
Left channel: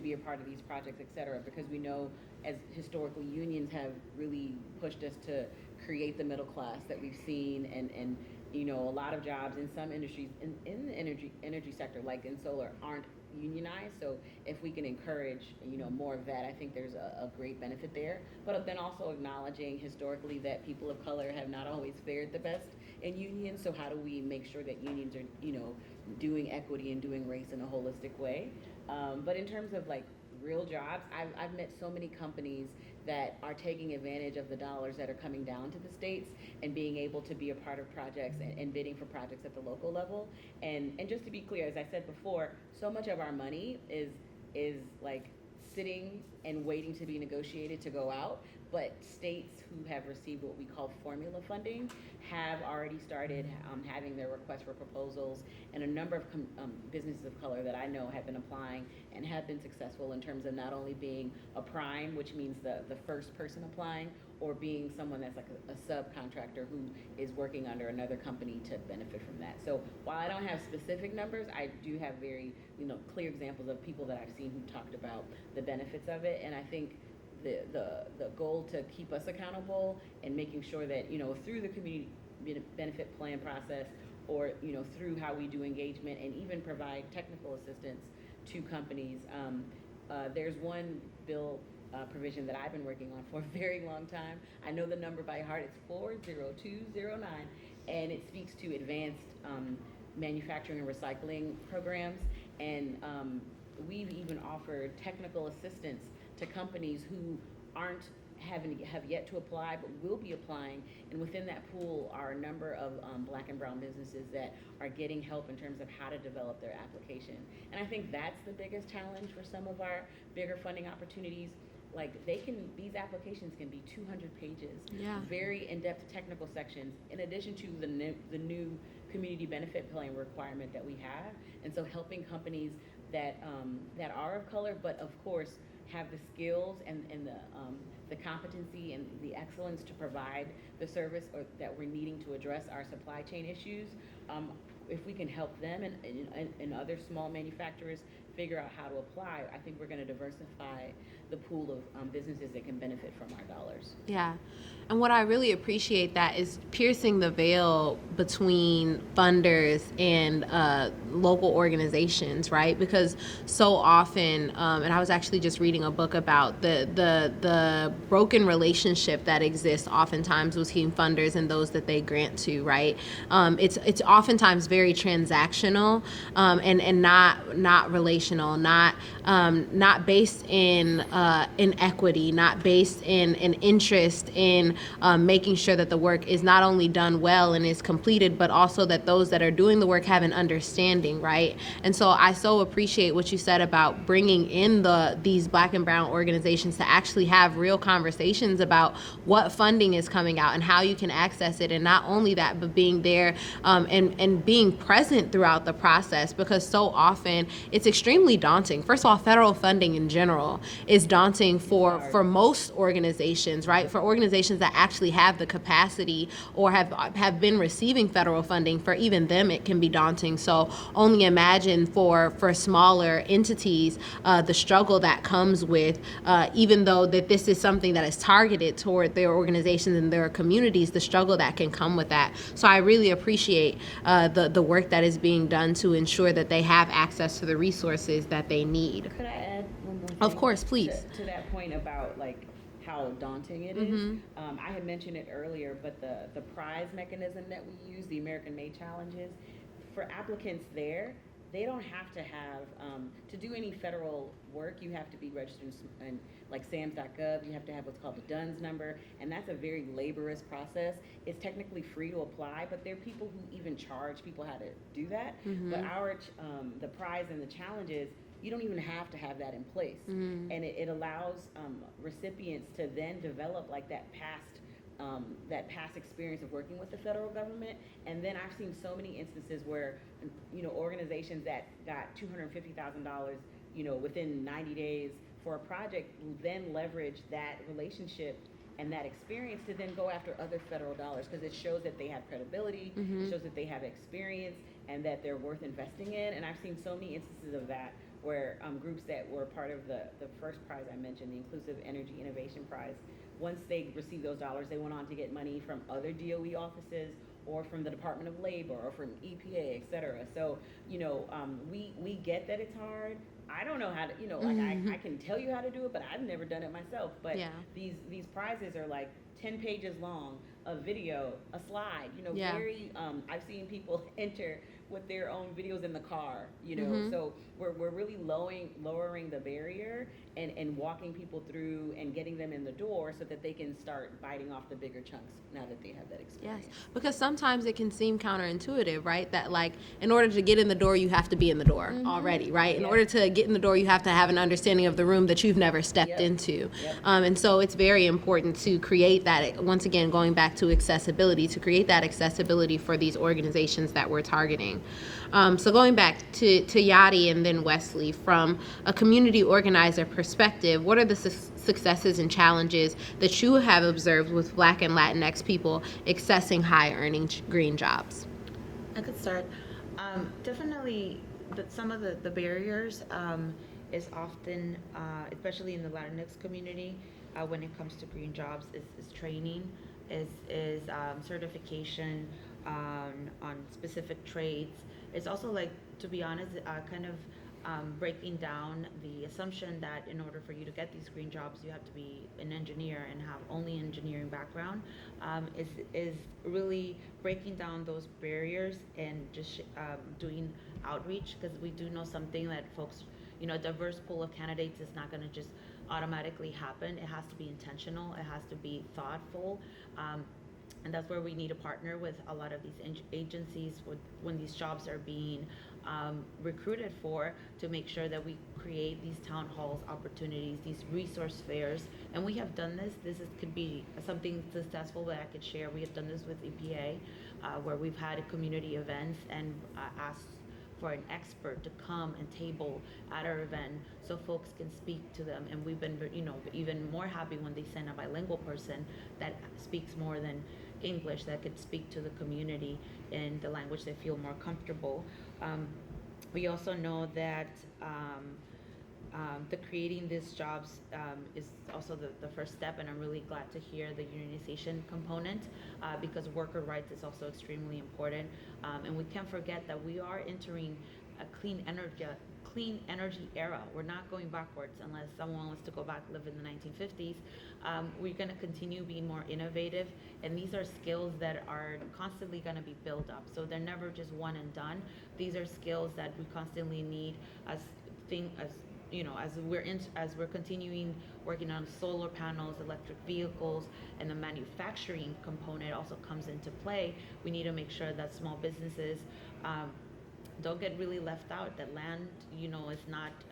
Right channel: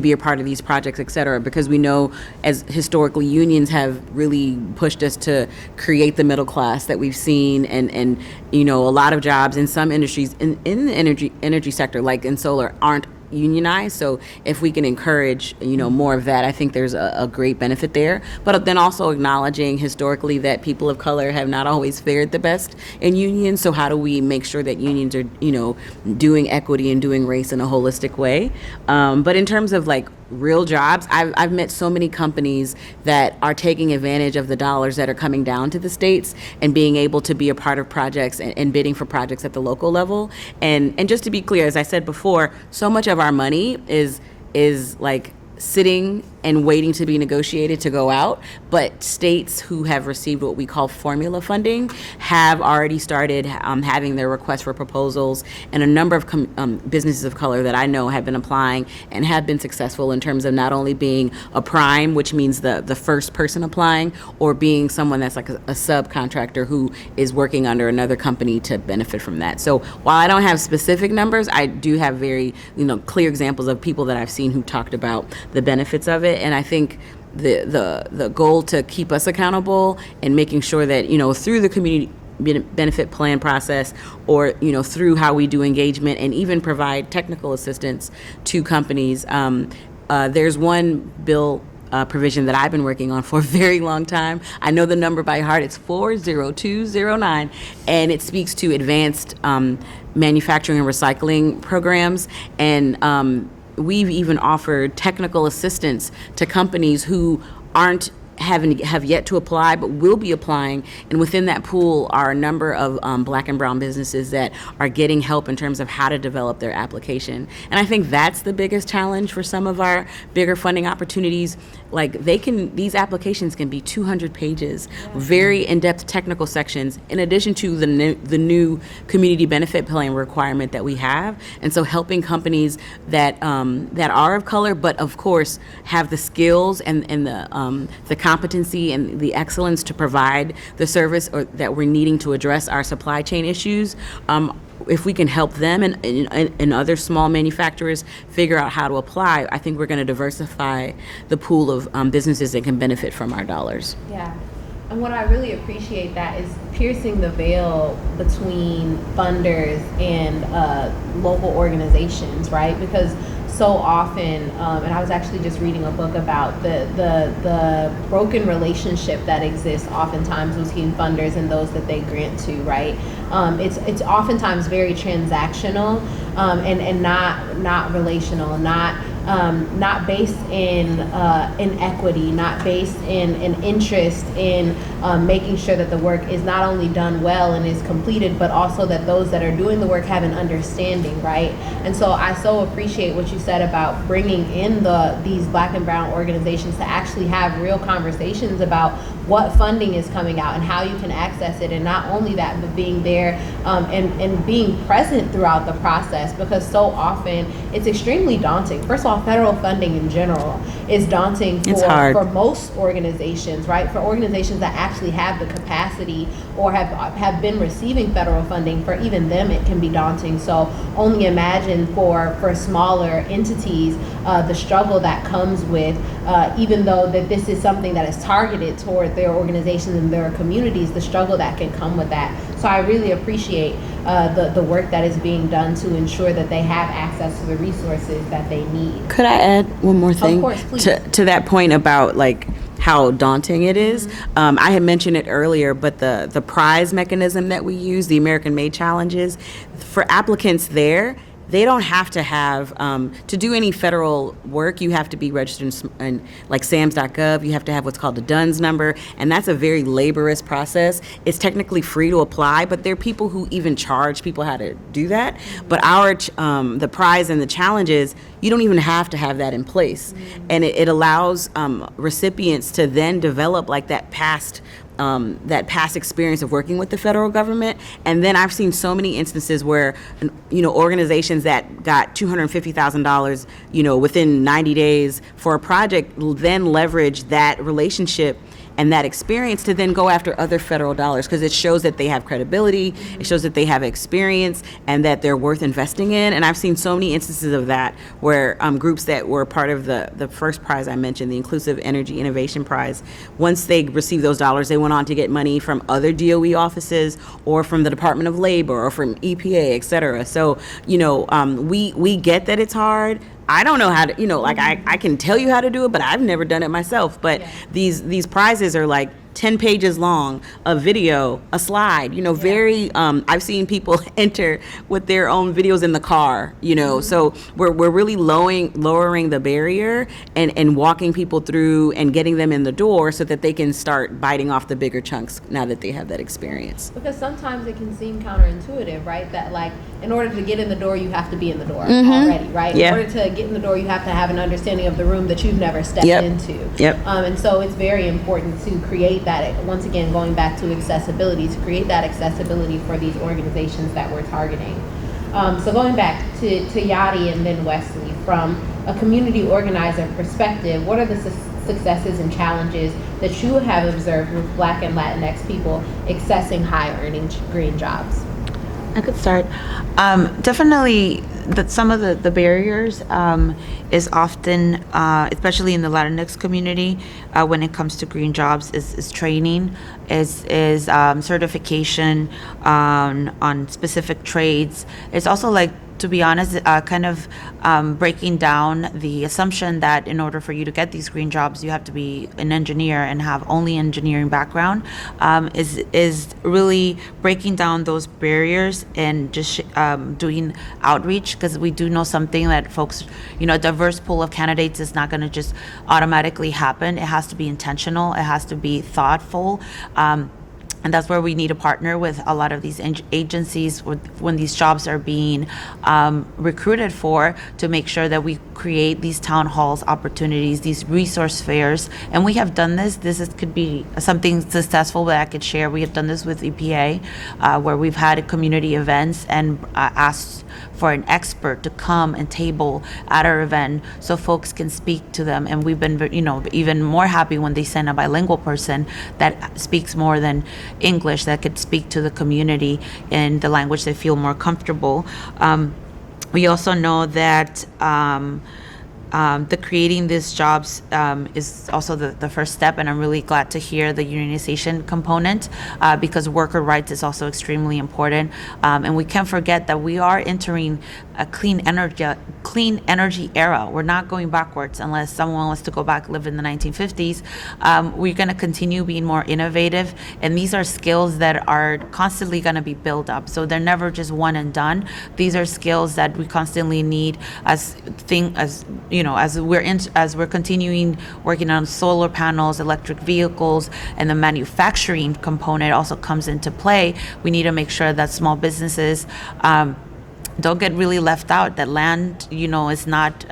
be a part of these projects, et cetera, because we know as historically unions have really pushed us to create the middle class that we've seen, and a lot of jobs in some industries in the energy sector, like in solar, aren't unionized. So if we can encourage, more of that, I think there's a great benefit there. But then also acknowledging historically that people of color have not always fared the best in unions. So how do we make sure that unions are, doing equity and doing race in a holistic way? But in terms of like real jobs, I've met so many companies that are taking advantage of the dollars that are coming down to the states and being able to be a part of projects and bidding for projects at the local level. And just to be clear, as I said before, so much of our money is like sitting and waiting to be negotiated to go out, but states who have received what we call formula funding have already started having their requests for proposals, and a number of businesses of color that I know have been applying and have been successful in terms of not only being a prime, which means the first person applying, or being someone that's like a subcontractor who is working under another company to benefit from that. So while I don't have specific numbers, I do have very clear examples of people that I've seen who talked about the benefits of it. And I think the goal to keep us accountable and making sure that, through the community benefit plan process, or, through how we do engagement and even provide technical assistance to companies. There's one bill provision that I've been working on for a very long time. I know the number by heart. It's 40209, and it speaks to advanced manufacturing and recycling programs. And we've even offered technical assistance to companies who have yet to apply but will be applying, and within that pool are a number of Black and brown businesses that are getting help in terms of how to develop their application. And I think that's the biggest challenge for some of our bigger funding opportunities. Like these applications can be 200 pages, very in-depth technical sections, in addition to the new community benefit plan requirement that we have. And so helping companies that are of color, but of course have the skills and the competency and the excellence to provide the service or that we're needing to address our supply chain issues. If we can help them and other small manufacturers figure out how to apply, I think we're going to diversify the pool of businesses that can benefit from our dollars. Yeah. And what I really appreciate that is piercing the veil between funders and local organizations, right? Because so often, and I was actually just reading a book about the broken relationship that exists oftentimes between funders and those that they grant to, right? It's oftentimes very transactional and not relational, not based in equity, not based in an interest in making sure that the work is not only done well and is completed, but also that those that are doing the work have an understanding, right? And so I so appreciate what you said about bringing in these Black and brown organizations to actually have real conversations about what funding is coming out and how you can access it. And not only that, but being there and being present throughout the process, because so often it's extremely daunting. First of all, federal funding in general is daunting for most organizations, right? For organizations that actually have the capacity or have been receiving federal funding, for even them it can be daunting. So only imagine for smaller entities the struggle that comes with, even though that this is something that is targeted toward their organizations and their communities, the struggle that can come with that. So I really appreciate the work that is being done to ensure that they have access to the resources that they need. Could I add one more thing? Of course, please. To that point about like how daunting it is. I had mentioned it earlier, but the prize mechanism that we use, the American Made Challenges, for applicants there, they don't have to have, to do any federal work, you have to be registered in like SAMS.gov, you have to have what's called a DUNS number, and that's a very laborious process. It's technically free to apply, but there are people who even charge people how to do that. But the prize and the challenges, you don't even have to have that in place. And it allows recipients to then develop like that past that past experience of working with the federal government. And then I've seen so many instances where, organizations that got $250,000, within 90 days for a project then leverage that relationship and that experience to then go after other federal dollars, because it shows that they have credibility, it shows that they have experience, and that they're worth investing in. And I've seen so many instances of that where groups that were part of the first prize I mentioned, the Inclusive Energy Innovation Prize, once they received those dollars, they went on to get money from other DOE offices or from the Department of Labor or from EPA, et cetera. So, we get that it's hard. I don't know how to, I can tell you how to do it, but I've never done it myself. But these prizes are like 10 pages long, a video, a slide, very, I've seen people enter with their own videos in the car, so we're really lowering the barrier and walking people through and getting them in the door so that they can start biting off the bigger chunks now that they have that experience. Because sometimes it can seem counterintuitive, right? That like, in order to get in the door, you have to be in the door already, right? Yeah. In order to get in the door, you have to have an understanding of the room that you've never stepped into. And so it's very important to create that, once again, going back to accessibility, to create that accessibility for these organizations that we're targeting. So going back to Yadi and then Wesley, from a community organizer perspective, what are the successes and challenges that you have observed with Black and Latinx people accessing high-earning green jobs? I could start. Definitely, some of the barriers is often, especially in the Latinx community, when it comes to green jobs, is training, is certification on specific trades. It's also, like, to be honest, kind of breaking down the assumption that in order for you to get these green jobs, you have to be an engineer and have only engineering background, is really breaking down those barriers and just doing outreach, because we do know something that folks, a diverse pool of candidates is not going to just automatically happen. It has to be intentional. It has to be thoughtful. And that's where we need to partner with a lot of these agencies when these jobs are being recruited for, to make sure that we create these town halls opportunities, these resource fairs. And we have done this. Could be something successful that I could share. We have done this with EPA, where we've had community events and asked for an expert to come and table at our event so folks can speak to them. And we've been, even more happy when they send a bilingual person that speaks more than English, that could speak to the community in the language they feel more comfortable. We also know that the creating these jobs is also the first step, and I'm really glad to hear the unionization component, because worker rights is also extremely important. And we can't forget that we are entering a clean energy era. We're not going backwards unless someone wants to go back, live in the 1950s. We're going to continue being more innovative, and these are skills that are constantly going to be built up. So they're never just one and done. These are skills that we constantly need as we're continuing working on solar panels, electric vehicles, and the manufacturing component also comes into play. We need to make sure that small businesses don't get really left out, that land, is not,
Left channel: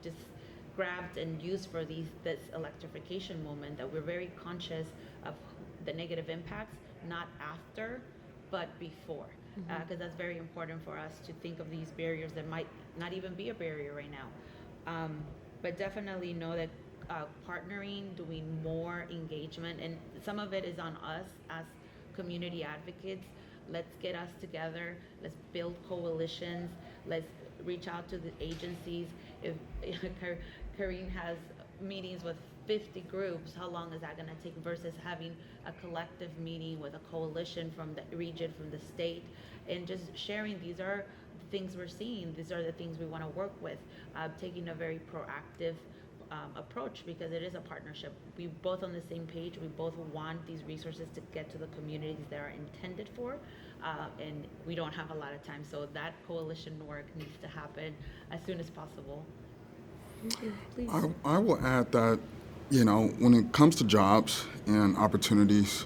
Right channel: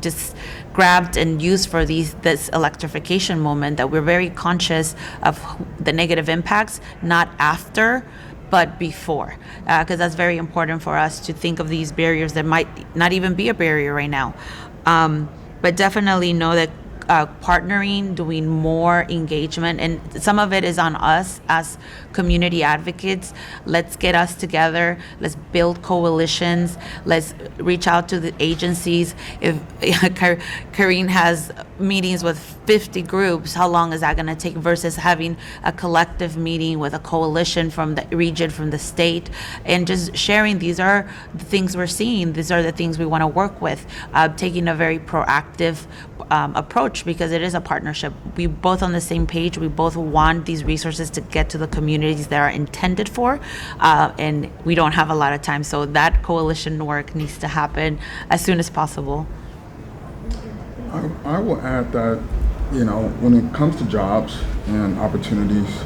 just grabbed and used for this electrification moment, that we're very conscious of the negative impacts, not after, but before, because that's very important for us to think of these barriers that might not even be a barrier right now. But definitely know that partnering, doing more engagement, and some of it is on us as community advocates. Let's get us together. Let's build coalitions. Let's reach out to the agencies. If Karine has meetings with 50 groups, how long is that going to take versus having a collective meeting with a coalition from the region, from the state, and just sharing, these are the things we're seeing. These are the things we want to work with, taking a very proactive approach, because it is a partnership. We both on the same page. We both want these resources to get to the communities that are intended for, and we don't have a lot of time. So that coalition work needs to happen as soon as possible. I will add that, when it comes to jobs and opportunities,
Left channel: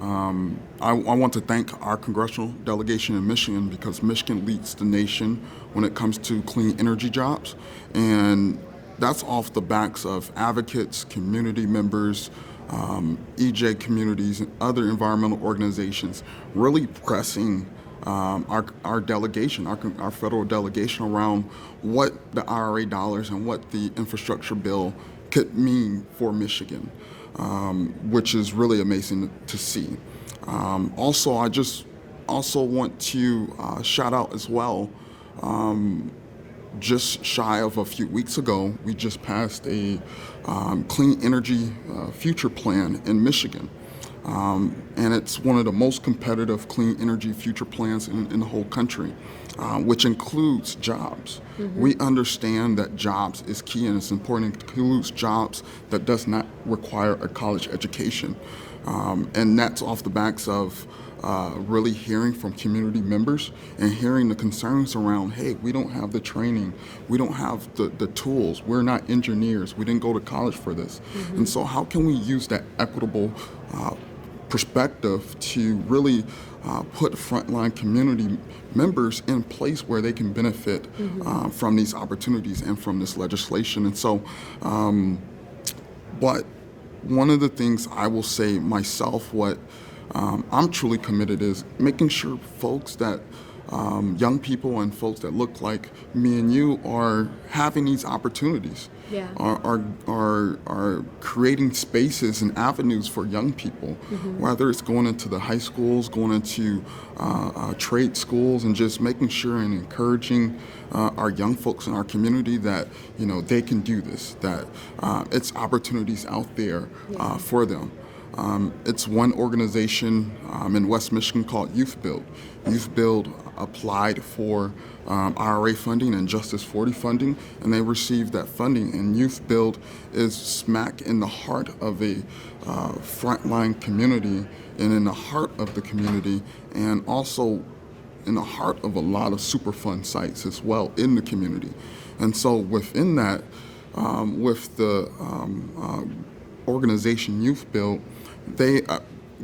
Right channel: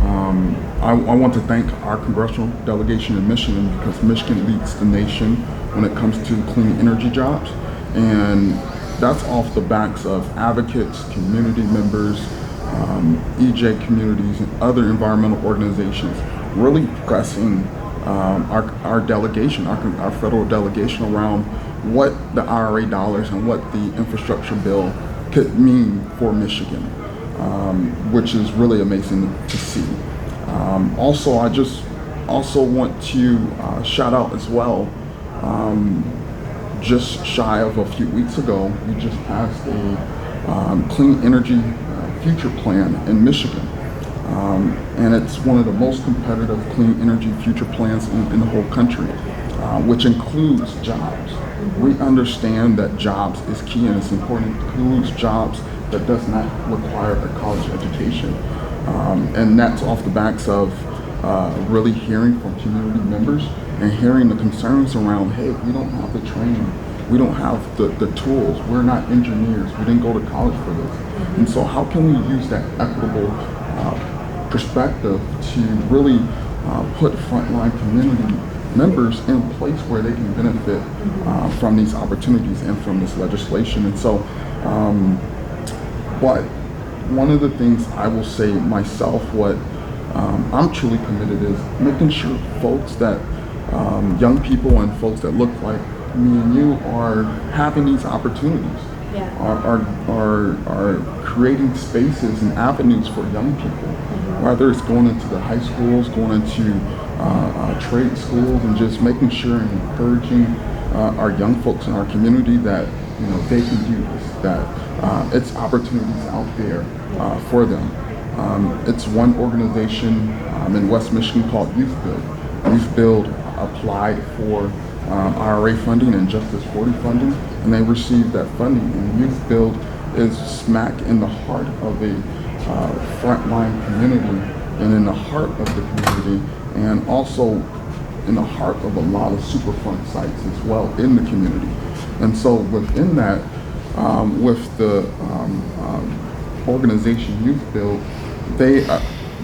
I want to thank our congressional delegation in Michigan, because Michigan leads the nation when it comes to clean energy jobs. And that's off the backs of advocates, community members, EJ communities, and other environmental organizations really pressing our delegation, our federal delegation, around what the IRA dollars and what the infrastructure bill could mean for Michigan, which is really amazing to see. Also, I just also want to shout out as well. Just shy of a few weeks ago, we just passed a clean energy future plan in Michigan. And it's one of the most competitive clean energy future plans in the whole country, which includes jobs. We understand that jobs is key, and it's important. It includes jobs that does not require a college education. And that's off the backs of really hearing from community members and hearing the concerns around, hey, we don't have the training, we don't have the tools, we're not engineers, we didn't go to college for this. And so how can we use that equitable perspective to really put frontline community members in a place where they can benefit from these opportunities and from this legislation. And so, but one of the things I will say myself, what I'm truly committed is making sure folks that, young people and folks that look like me and you are having these opportunities. Yeah. Are creating spaces and avenues for young people, whether it's going into the high schools, going into trade schools, and just making sure and encouraging our young folks in our community that they can do this, that it's opportunities out there for them. It's one organization in West Michigan called Youth Build. Youth Build applied for IRA funding and Justice 40 funding, and they received that funding. And Youth Build is smack in the heart of a frontline community, and in the heart of the community, and also in the heart of a lot of superfund sites as well in the community. And so within that, with the organization Youth Build, they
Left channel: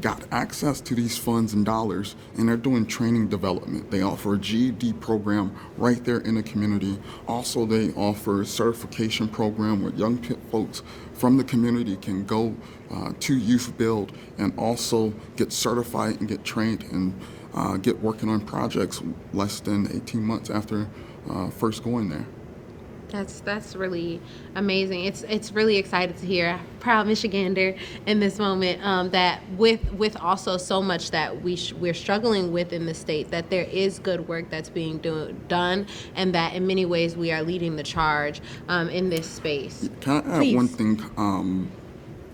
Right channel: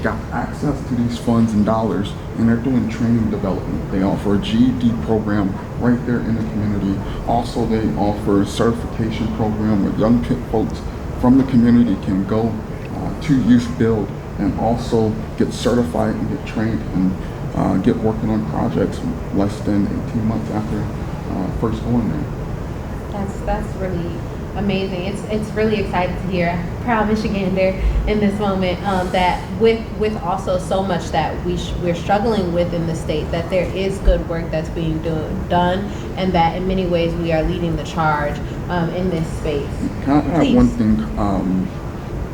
got access to these funds and dollars, and they're doing training development. They offer a GED program right there in the community. Also, they offer a certification program where young folks from the community can go to Youth Build and also get certified and get trained and get working on projects less than 18 months after first going there. That's really amazing. It's really exciting to hear, proud Michigander in this moment, that with also so much that we're struggling with in the state, that there is good work that's being done, and that in many ways we are leading the charge in this space. Can I add Please. one thing?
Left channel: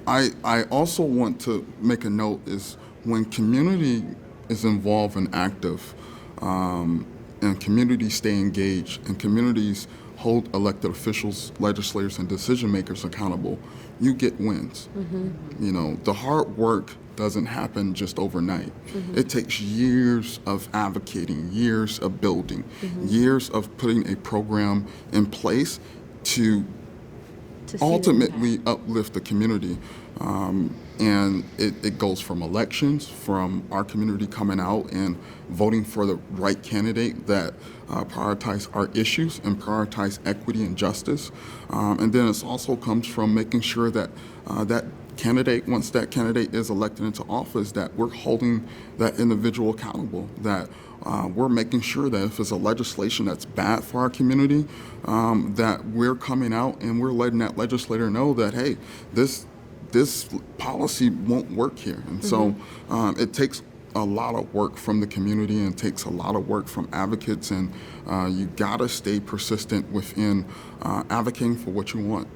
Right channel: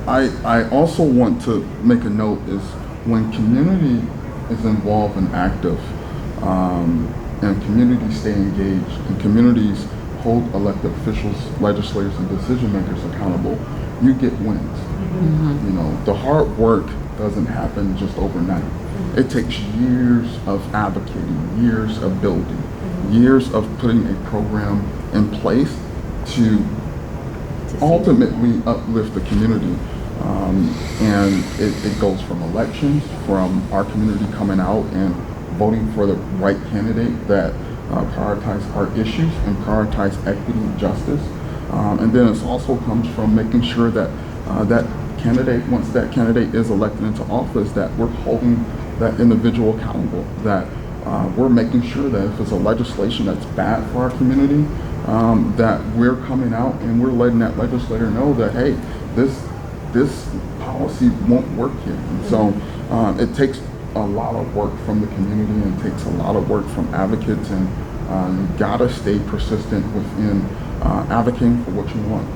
I also want to make a note is when community is involved and active, and communities stay engaged, and communities hold elected officials, legislators, and decision makers accountable, you get wins. The hard work doesn't happen just overnight. It takes years of advocating, years of building, years of putting a program in place to ultimately uplift the community. And it goes from elections, from our community coming out and voting for the right candidate that prioritize our issues and prioritize equity and justice. And then it also comes from making sure that that candidate, once that candidate is elected into office, that we're holding that individual accountable, that we're making sure that if it's a legislation that's bad for our community, that we're coming out and we're letting that legislator know that, hey, this policy won't work here. And so it takes a lot of work from the community, and it takes a lot of work from advocates, and you gotta stay persistent within advocating for what you want.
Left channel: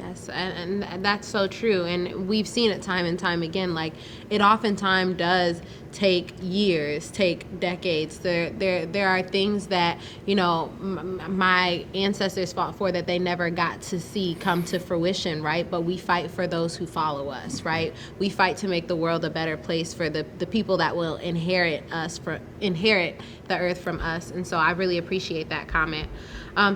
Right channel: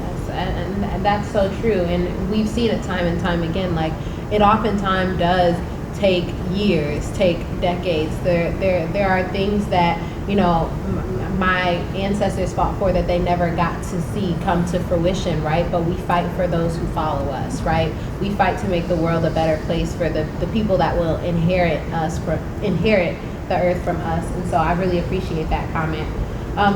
Yes, and that's so true, and we've seen it time and time again. Like, it oftentimes does take years, take decades. There are things that my ancestors fought for that they never got to see come to fruition, right? But we fight for those who follow us, right? We fight to make the world a better place for the people that will inherit the earth from us. And so I really appreciate that comment.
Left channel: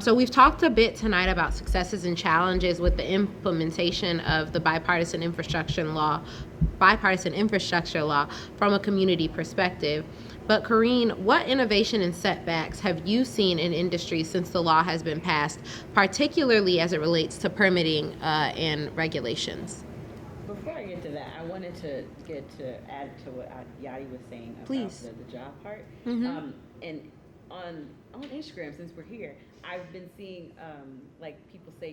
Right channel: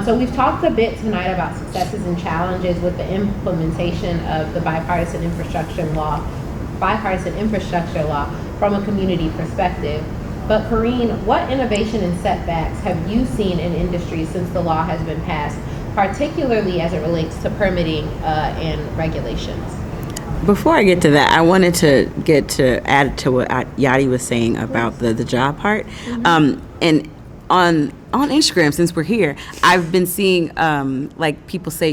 So we've talked a bit tonight about successes and challenges with the implementation of the Bipartisan Infrastructure Law from a community perspective. But Corrine, what innovation and setbacks have you seen in industry since the law has been passed, particularly as it relates to permitting and regulations? Before I get to that, I wanted to add to what Yadi was saying about the job part. And on Instagram, since we're here, I've been seeing like people say,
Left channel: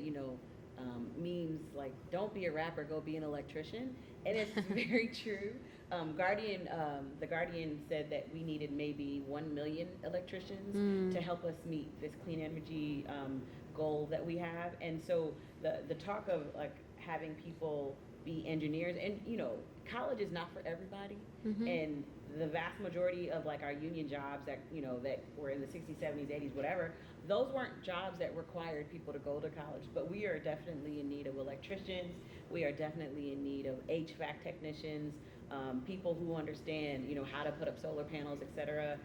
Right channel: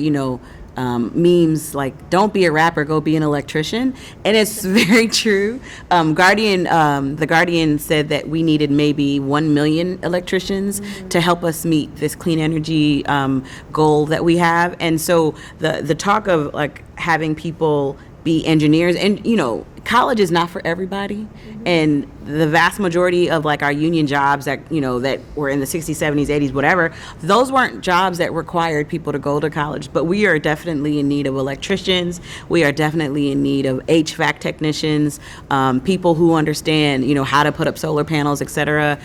memes like "Don't be a rapper, go be an electrician," and it's very true. The Guardian said that we needed maybe 1 million electricians to help us meet this clean energy goal that we have, and so the talk of like having people be engineers, and college is not for everybody, and the vast majority of like our union jobs that that were in the 60s, 70s, 80s, whatever, those weren't jobs that required people to go to college. But we are definitely in need of electricians. We are definitely in need of HVAC technicians, people who understand how to put up solar panels, etc.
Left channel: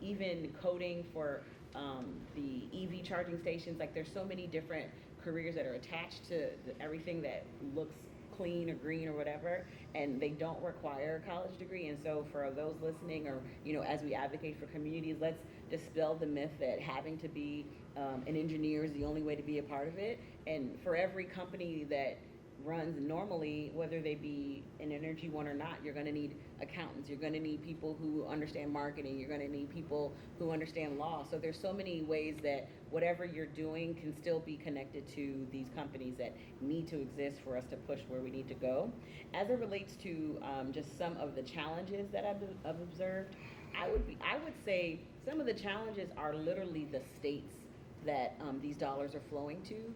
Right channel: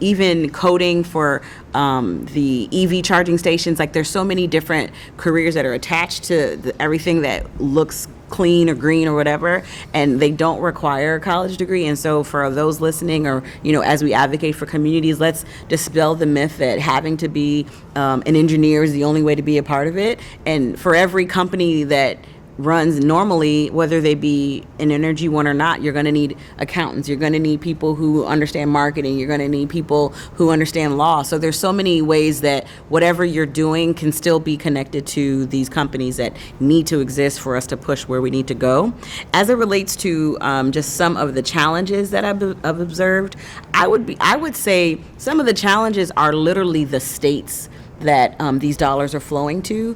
Even coding for the EV charging stations. Like there's so many different careers that are attached to everything that looks clean or green or whatever, and they don't require a college degree. And so for those listening, or as we advocate for communities, let's dispel the myth that having to be an engineer is the only way to be a part of it. And for every company that runs normally, whether they be an energy one or not, you're going to need accountants, you're going to need people who understand marketing, you're going to need people who understand law. So there's so many ways that whatever you're doing can still be connected to these companies that need to exist for us to push where we need to go. As it relates to just some of the challenges that I've observed, I would say some of the challenges are literally the states that these dollars are flowing to.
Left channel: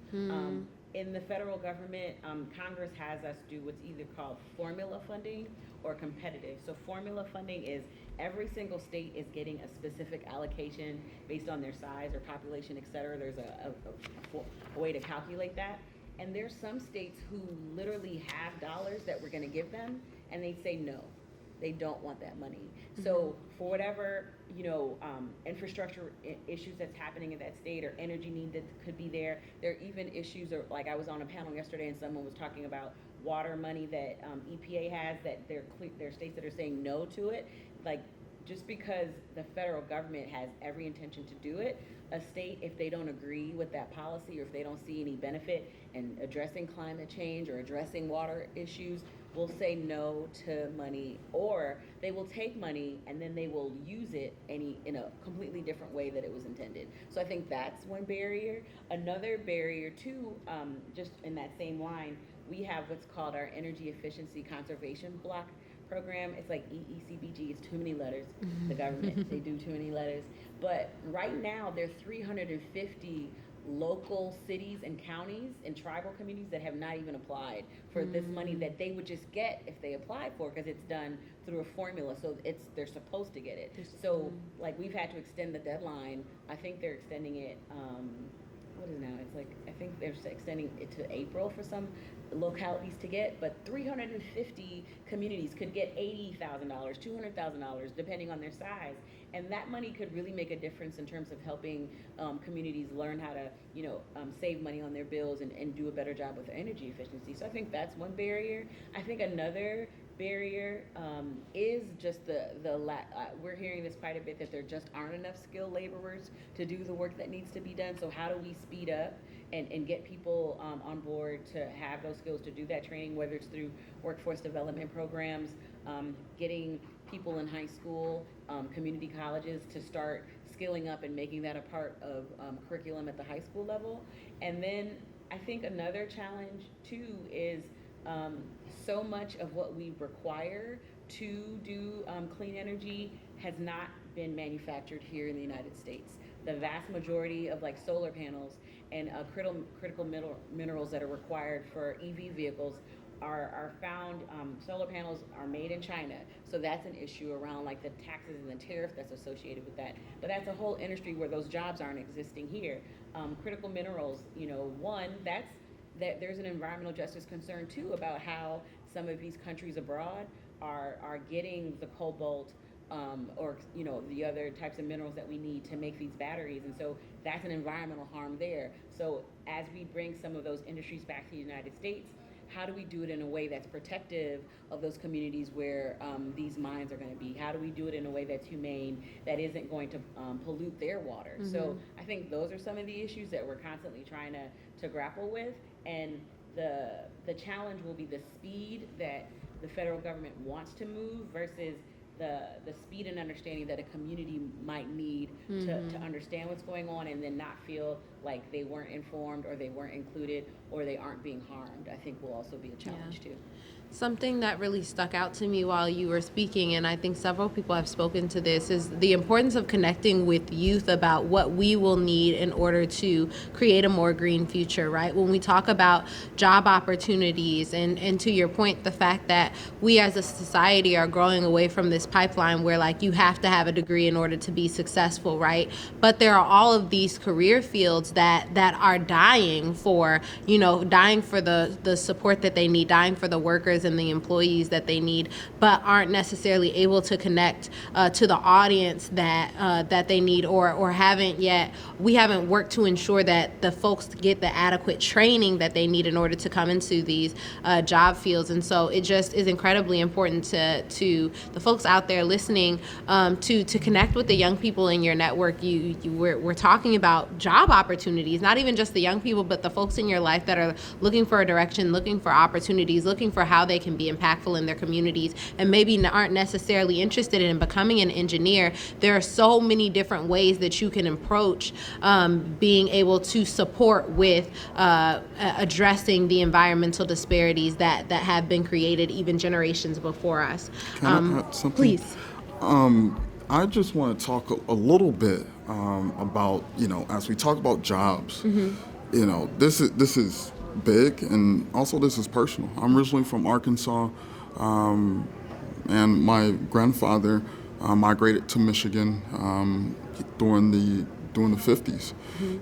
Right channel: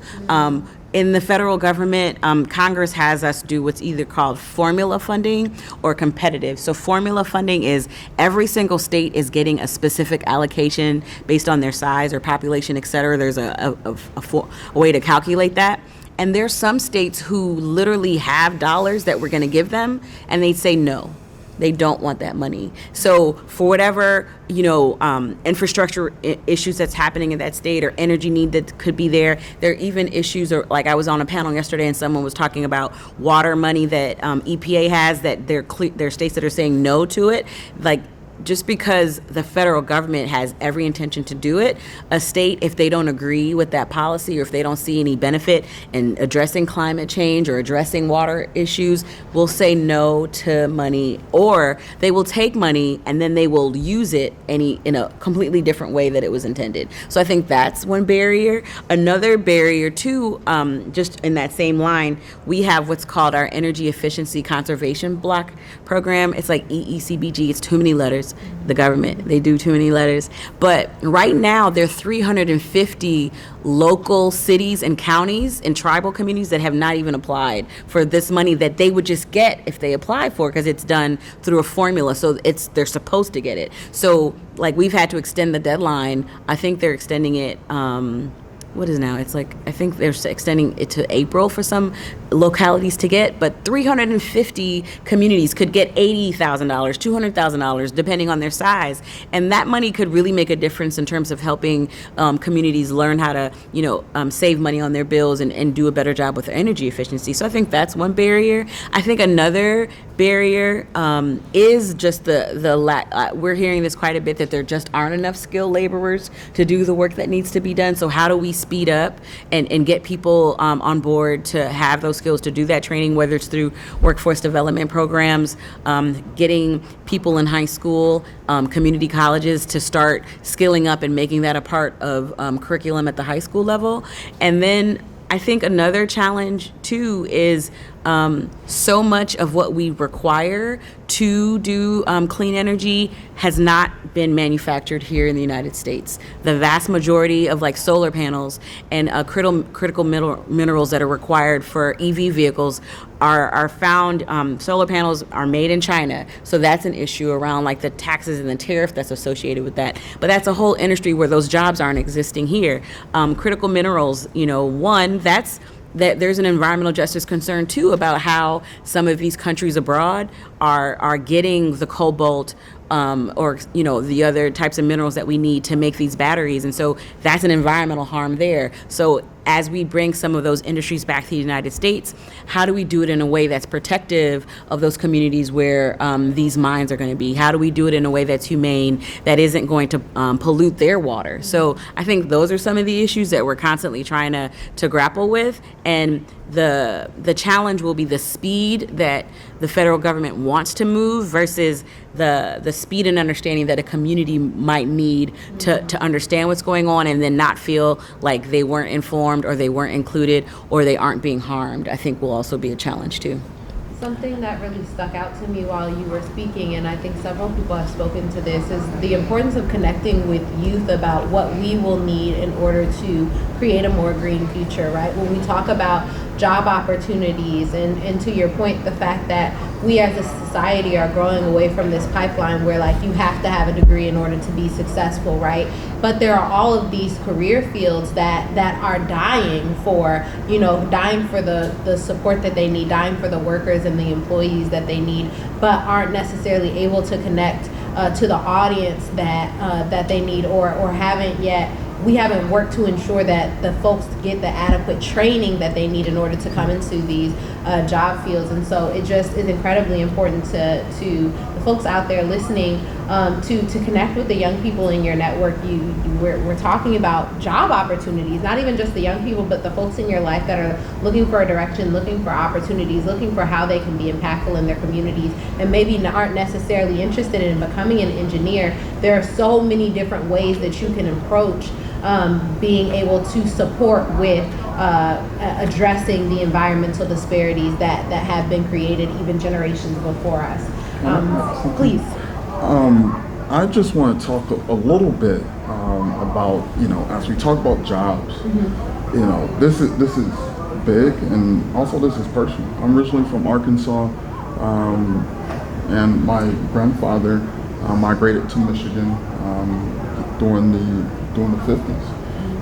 In the federal government, Congress has us do what's either called formula funding or competitive. So formula funding is every single state is getting a specific allocation based on their size or population, et cetera. There's a way to calculate that. And there's some states who literally have dollars that we're going to give them, and they say no. They don't want that money. So for whatever, infrastructure issues that's happening in that state, or energy need that could be there are even issues, or like I was on a panel yesterday and someone was talking about water money that EPA has, that there are states that are saying no to it. Like, just because the federal government has every intention to do it, a state, if they don't agree with that policy, or if they don't see any benefit in addressing climate change or addressing water issues, will say no to money, or they will take money and then they will use it in a completely different way that it was intended. So I think that's one barrier. Another barrier too, just in that same line, we have what's called our Energy Efficiency Conservation Block Program. It's like EECBG. It's too many letters. The government, they do too many letters. But right now, there are 350 local cities and counties and tribal communities that have not even applied for this money that they would just get if they apply for, because it's done through a formula. So they're supposed to get it. So like we've had to extend the deadline. I think they're extending it. What is now? It's like, I think they're extending it to April for some localities to get, but 350 communities could get $80,000, $200,000, depending on their size. And that money could really make a difference in terms of helping communities learn how to, save money on their bills and do a better job with their energy efficiency. So I think that's one barrier. I think another barrier is just we're hearing this quite a bit, that there just aren't enough skilled laborers to do the work that needs to be done. So how do we speed up and get people on board to have those skills to do that training, whether it's through workforce development programs, getting people in high school, community colleges to start skilling up and making that a part of curriculum at the high school level. And then I think another challenge too is so much of what we require to do clean energy has not been manufactured here in the United States. The vast majority of like solar panels and critical minerals that are required for EV vehicles are found, solar panels are made in China. So that's an issue around like the taxes and the tariff that's associated with that. But that's a whole industry where those jobs aren't existing here. Critical minerals, that there's an environmental justice concern too about how some of these countries abroad are getting the cobalt or the other types of minerals that we need to make these batteries, and so that's an environmental harm there. So as we bring some of those industries back to the United States, how do we do it in a way that's protective of those communities where these mines are going to be? How do we do it in a way that's humane, that isn't going to pollute their water? Mm-hmm. So I think those are some of the issues that we're constantly trying to grapple with. And the challenge will be the speed that the federal government wants to move versus the speed and understanding that a community might need to understand what's going on and then not feel like they weren't informed or they weren't included or they aren't being harmed, I think will also be a challenge too. Something that really stuck out to me while you were speaking, and I think several people have spoken to this, is the importance of connecting with youth about what we will need in order to create a more green future, right? When we talk about job opportunities, and to your point, the fact that we as a society are growing away from this pipeline where like you have to have a degree in order to be successful, right? But there are all of these career fields that are dying for the support that they need, dying for the workers and the employees that they need, but aren't necessarily able to connect to the audience that they need, or we haven't worked to ensure that the folks get the adequate training that they need in order to come into these job fields. And so it just is incredibly important to the folks out there listening to connect with the young people in your network. We're talking about job opportunities, not even just the young people, but the folks in your life that are looking for a direction, looking for opportunities, looking for how they can be impactful in their communities, and maybe aren't necessarily interested in becoming an engineer. There are so many different ways that you can approach being able to support with addressing the environmental disparities that have been created even generations before us. Please. I just want to talk a little bit about, as we talk about jobs, this is big, and also this is personal. I'm originally from Arkansas, and my grandfather migrated to Michigan during the 50s.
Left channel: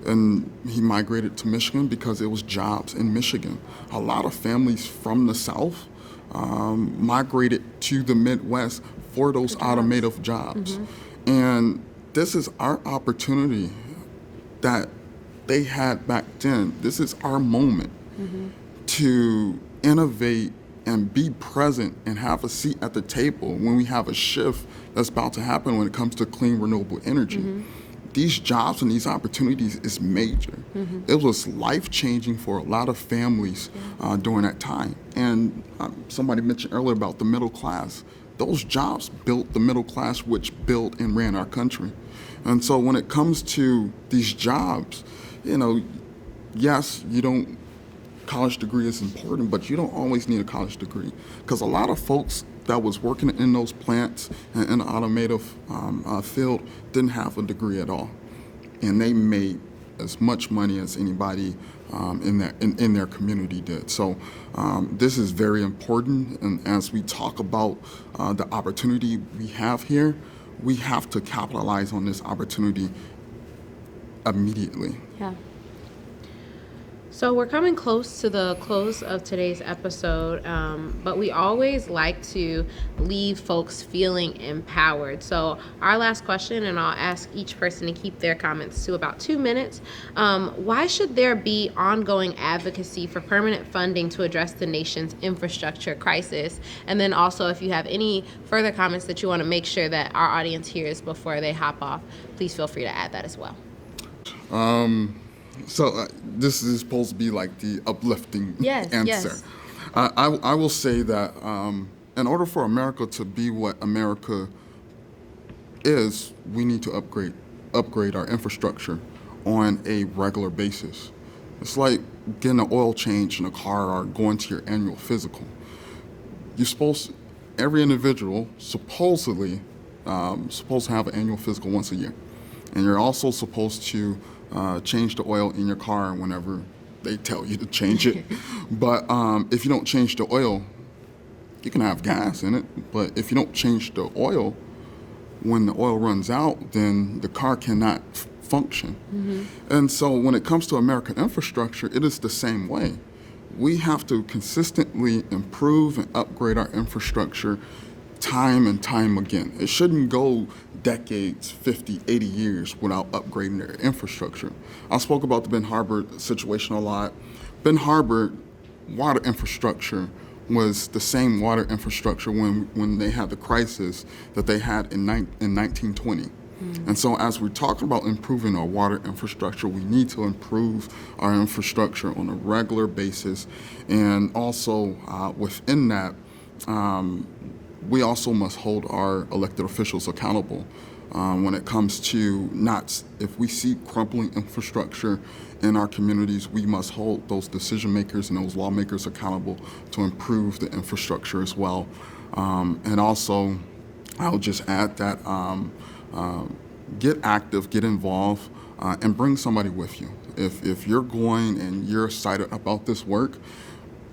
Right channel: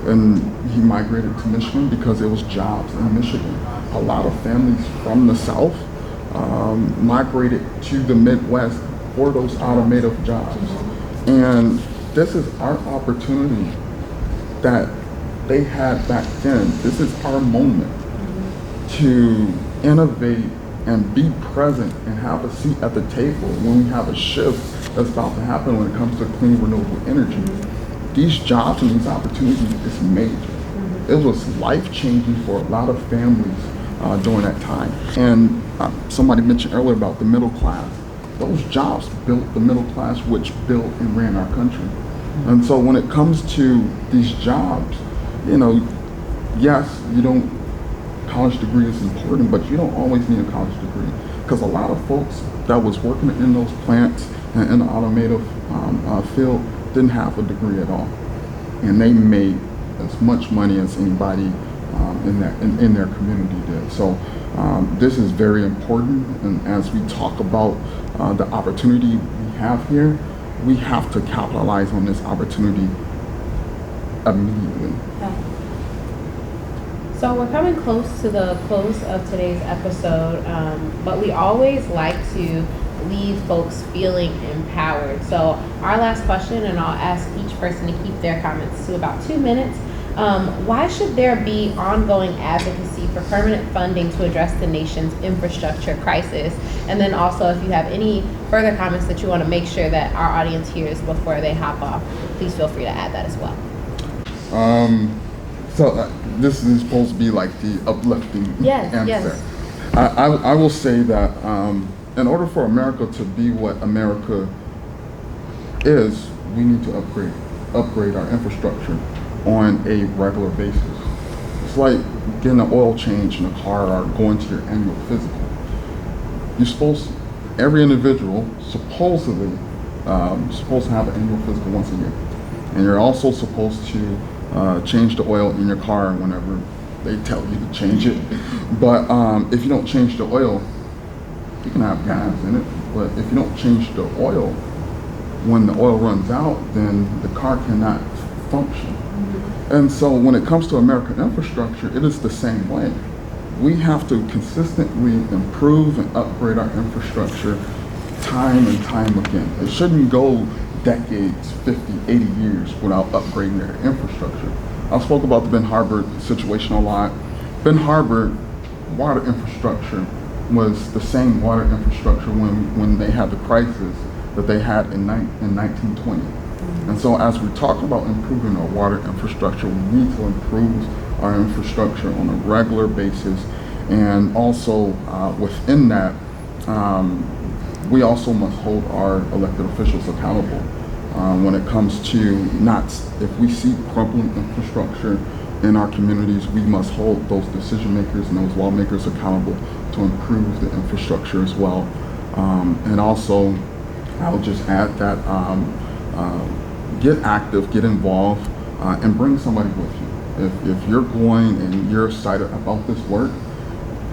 And he migrated to Michigan because there was jobs in Michigan. A lot of families from the South migrated to the Midwest for those automotive jobs. And this is our opportunity that they had back then. This is our moment to innovate and be present and have a seat at the table when we have a shift that's about to happen when it comes to clean, renewable energy. These jobs and these opportunities is major. It was life-changing for a lot of families during that time. And somebody mentioned earlier about the middle class. Those jobs built the middle class, which built and ran our country. And so when it comes to these jobs, yes, college degree is important, but you don't always need a college degree, because a lot of folks that was working in those plants and in the automotive field didn't have a degree at all, and they made as much money as anybody in their community did. So this is very important, and as we talk about the opportunity we have here, we have to capitalize on this opportunity immediately. Yeah. So we're coming close to the close of today's episode, but we always like to leave folks feeling empowered. So our last question, and I'll ask each person to keep their comments to about 2 minutes. Why should there be ongoing advocacy for permanent funding to address the nation's infrastructure crisis? And then also, if you have any further comments that you want to make sure that our audience hears before they hop off, please feel free to add that as well. So this is supposed to be like the uplifting answer. Yes. I will say that in order for America to be what America is, we need to upgrade our infrastructure on a regular basis. It's like getting an oil change in a car or going to your annual physical. Every individual supposedly supposed to have an annual physical once a year, and you're also supposed to change the oil in your car whenever they tell you to change it. But if you don't change the oil, you can have gas in it, but if you don't change the oil, when the oil runs out, then the car cannot function. And so when it comes to American infrastructure, it is the same way. We have to consistently improve and upgrade our infrastructure time and time again. It shouldn't go decades, 50, 80 years without upgrading their infrastructure. I spoke about the Ben Harbor situation a lot. Ben Harbor water infrastructure was the same water infrastructure when they had the crisis that they had in 1920. And so as we talk about improving our water infrastructure, we need to improve our infrastructure on a regular basis. And also within that, we also must hold our elected officials accountable when it comes to if we see crumbling infrastructure in our communities, we must hold those decision makers and those lawmakers accountable to improve the infrastructure as well. And also, I would just add that get active, get involved, and bring somebody with you. If you're going and you're excited about this work,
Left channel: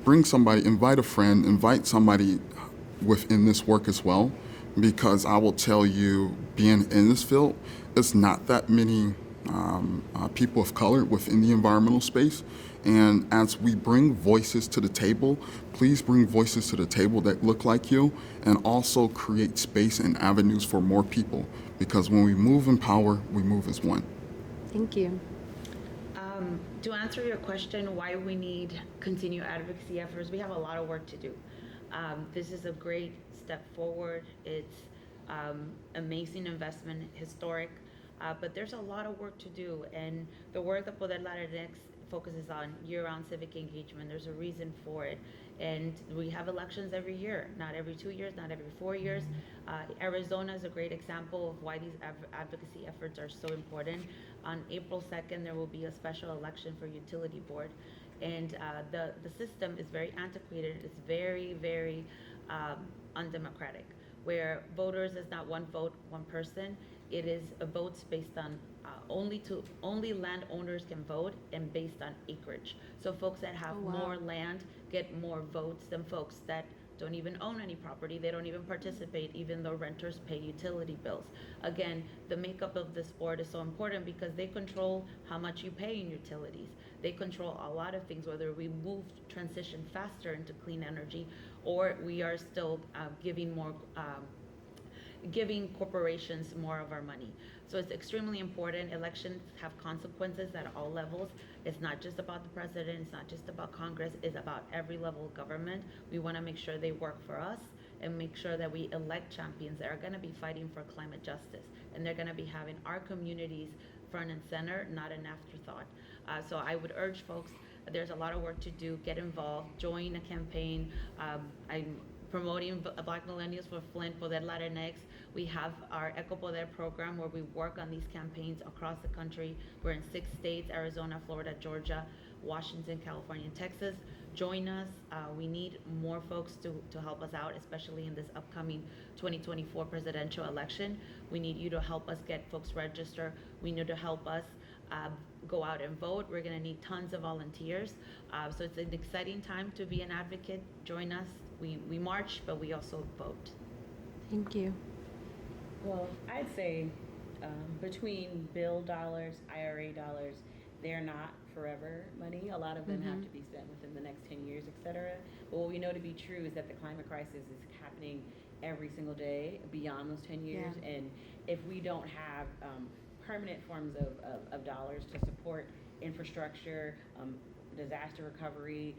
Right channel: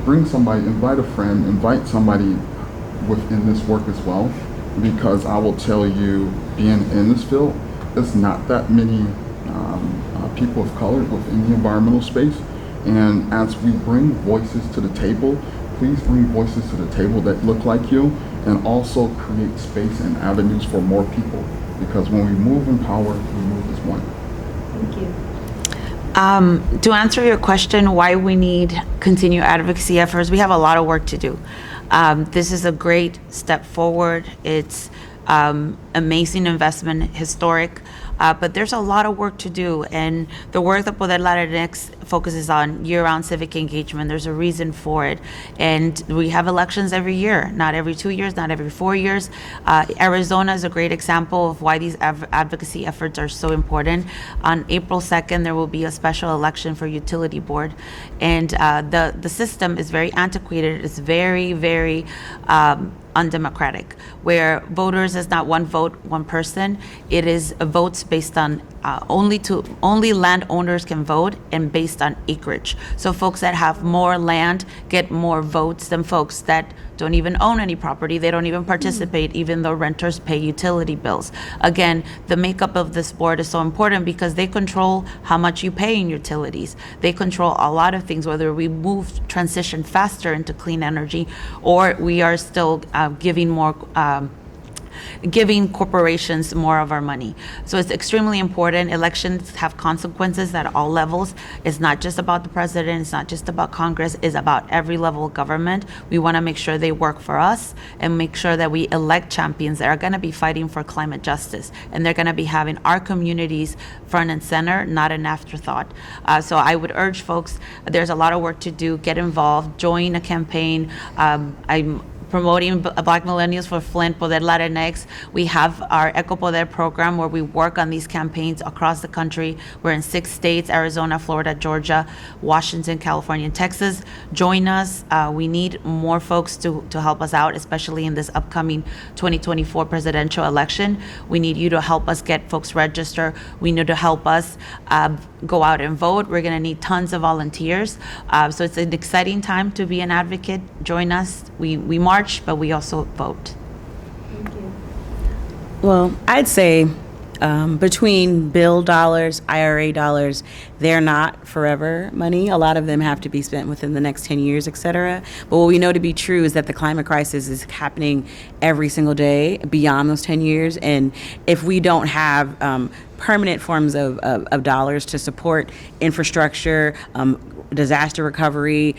bring somebody, invite a friend, invite somebody within this work as well, because I will tell you, being in this field, it's not that many people of color within the environmental space. And as we bring voices to the table, please bring voices to the table that look like you, and also create space and avenues for more people, because when we move in power, we move as one. Thank you. To answer your question, why we need continued advocacy efforts, we have a lot of work to do. This is a great step forward. It's amazing investment, historic, but there's a lot of work to do. And the work that Poder Latinx focuses on year-round civic engagement, there's a reason for it. And we have elections every year, not every 2 years, not every 4 years. Arizona is a great example of why these advocacy efforts are so important. On April 2nd, there will be a special election for utility board. And the system is very antiquated. It's very, very undemocratic, where voters is not one vote, one person. It is votes based on only landowners can vote, and based on acreage. So folks that have more land get more votes than folks that don't even own any property. They don't even participate, even though renters pay utility bills. Again, the makeup of this board is so important because they control how much you pay in utilities. They control a lot of things, whether we transition faster into clean energy, or we are still giving corporations more of our money. So it's extremely important. Elections have consequences at all levels. It's not just about the president, it's not just about Congress, it's about every level of government. We want to make sure they work for us and make sure that we elect champions that are going to be fighting for climate justice, and they're going to be having our communities front and center, not an afterthought. So I would urge folks, there's a lot of work to do. Get involved, join a campaign. I'm promoting Black Millennials for Flint, Poder Latinx. We have our Eco Poder program where we work on these campaigns across the country. We're in 6 states, Arizona, Florida, Georgia, Washington, California, and Texas. Join us. We need more folks to help us out, especially in this upcoming 2024 presidential election. We need you to help us get folks registered. We need to help us go out and vote. We're gonna need tons of volunteers. So it's an exciting time to be an advocate. Join us. We march, but we also vote. Thank you. Well, I'd say between bill dollars, IRA dollars, they're not forever money. A lot of them have to be spent within the next 10 years, et cetera. But what we know to be true is that the climate crisis is happening every single day beyond those 10 years. And if we don't have permanent forms of dollars to support infrastructure, disaster recovery,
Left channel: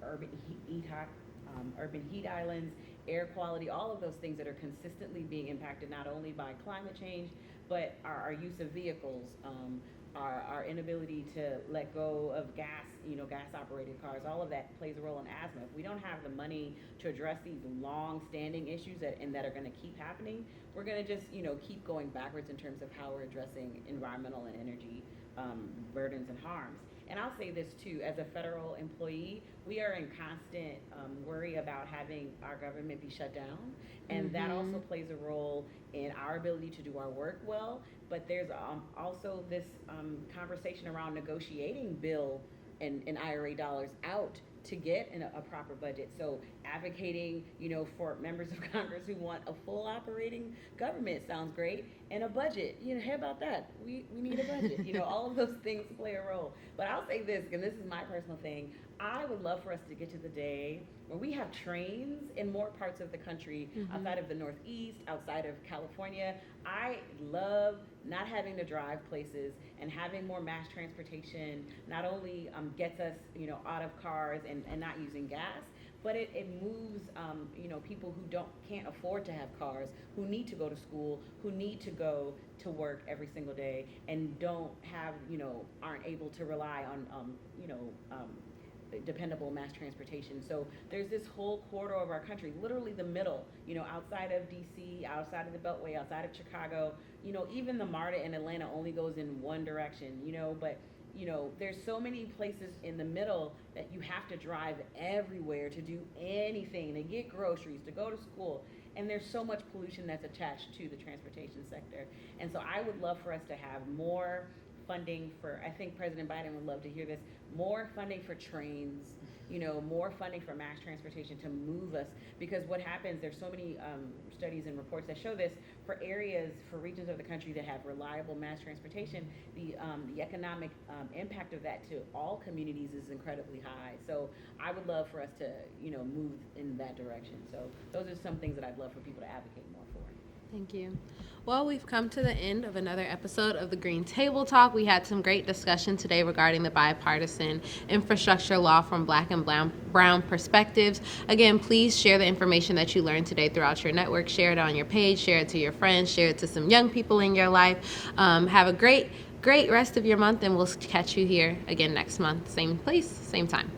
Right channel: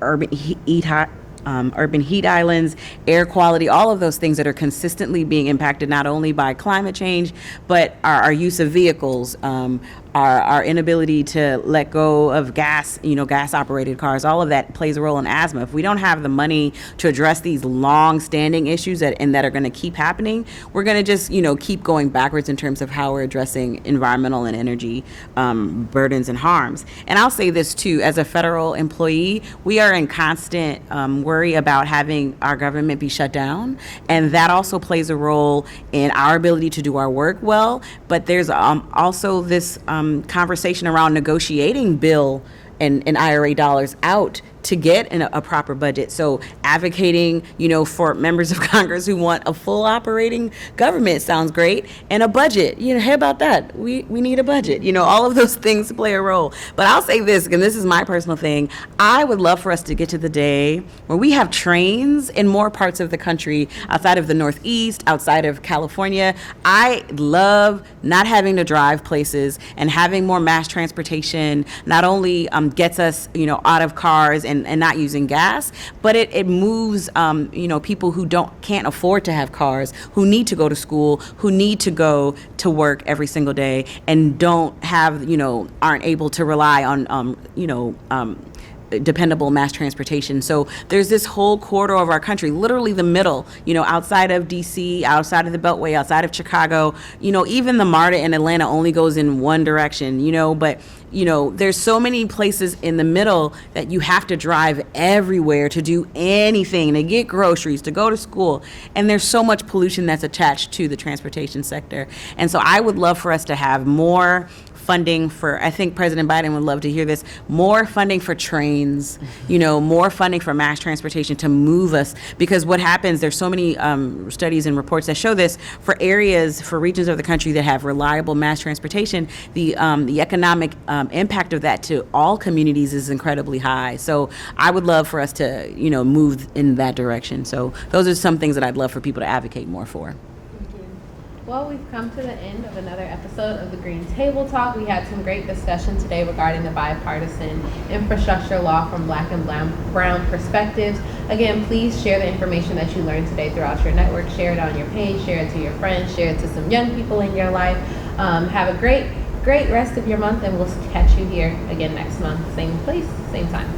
urban heat islands, air quality, all of those things that are consistently being impacted not only by climate change, but our use of vehicles, our inability to let go of gas operated cars, all of that plays a role in asthma. If we don't have the money to address these long standing issues that are going to keep happening, we're going to just, keep going backwards in terms of how we're addressing environmental and energy burdens and harms. And I'll say this too, as a federal employee, we are in constant worry about having our government be shut down. And that also plays a role in our ability to do our work well. But there's also this conversation around negotiating bill and IRA dollars out to get a proper budget. So advocating, for members of Congress who want a full operating government sounds great, and a budget. How about that? We need a budget. All of those things play a role. But I'll say this, and this is my personal thing. I would love for us to get to the day where we have trains in more parts of the country outside of the Northeast, outside of California. I love not having to drive places, and having more mass transportation not only gets us, out of cars and not using gas, but it moves, people who can't afford to have cars, who need to go to school, who need to go to work every single day, and don't have, aren't able to rely on, dependable mass transportation. So there's this whole corridor of our country, literally the middle, outside of DC, outside of the Beltway, outside of Chicago, even the MARTA in Atlanta only goes in one direction, but there's so many places in the middle that you have to drive everywhere to do anything, to get groceries, to go to school. And there's so much pollution that's attached to the transportation sector. And so I would love for us to have more funding for, I think President Biden would love to hear this, more funding for trains, more funding for mass transportation to move us. Because what happens, there's so many studies and reports that show this, for regions of the country that have reliable mass transportation, the economic impact of that to all communities is incredibly high. So I would love for us to, move in that direction. So those are some things that I'd love for people to advocate more for. Thank you. Well, we've come to the end of another episode of the Green Table Talk. We had some great discussion today regarding the bipartisan infrastructure law from Black and brown perspectives. Again, please share the information that you learned today throughout your network. Share it on your page, share it to your friends, share it to some young people in your life. Have a great rest of your month, and we'll catch you here again next month. Same place, same time.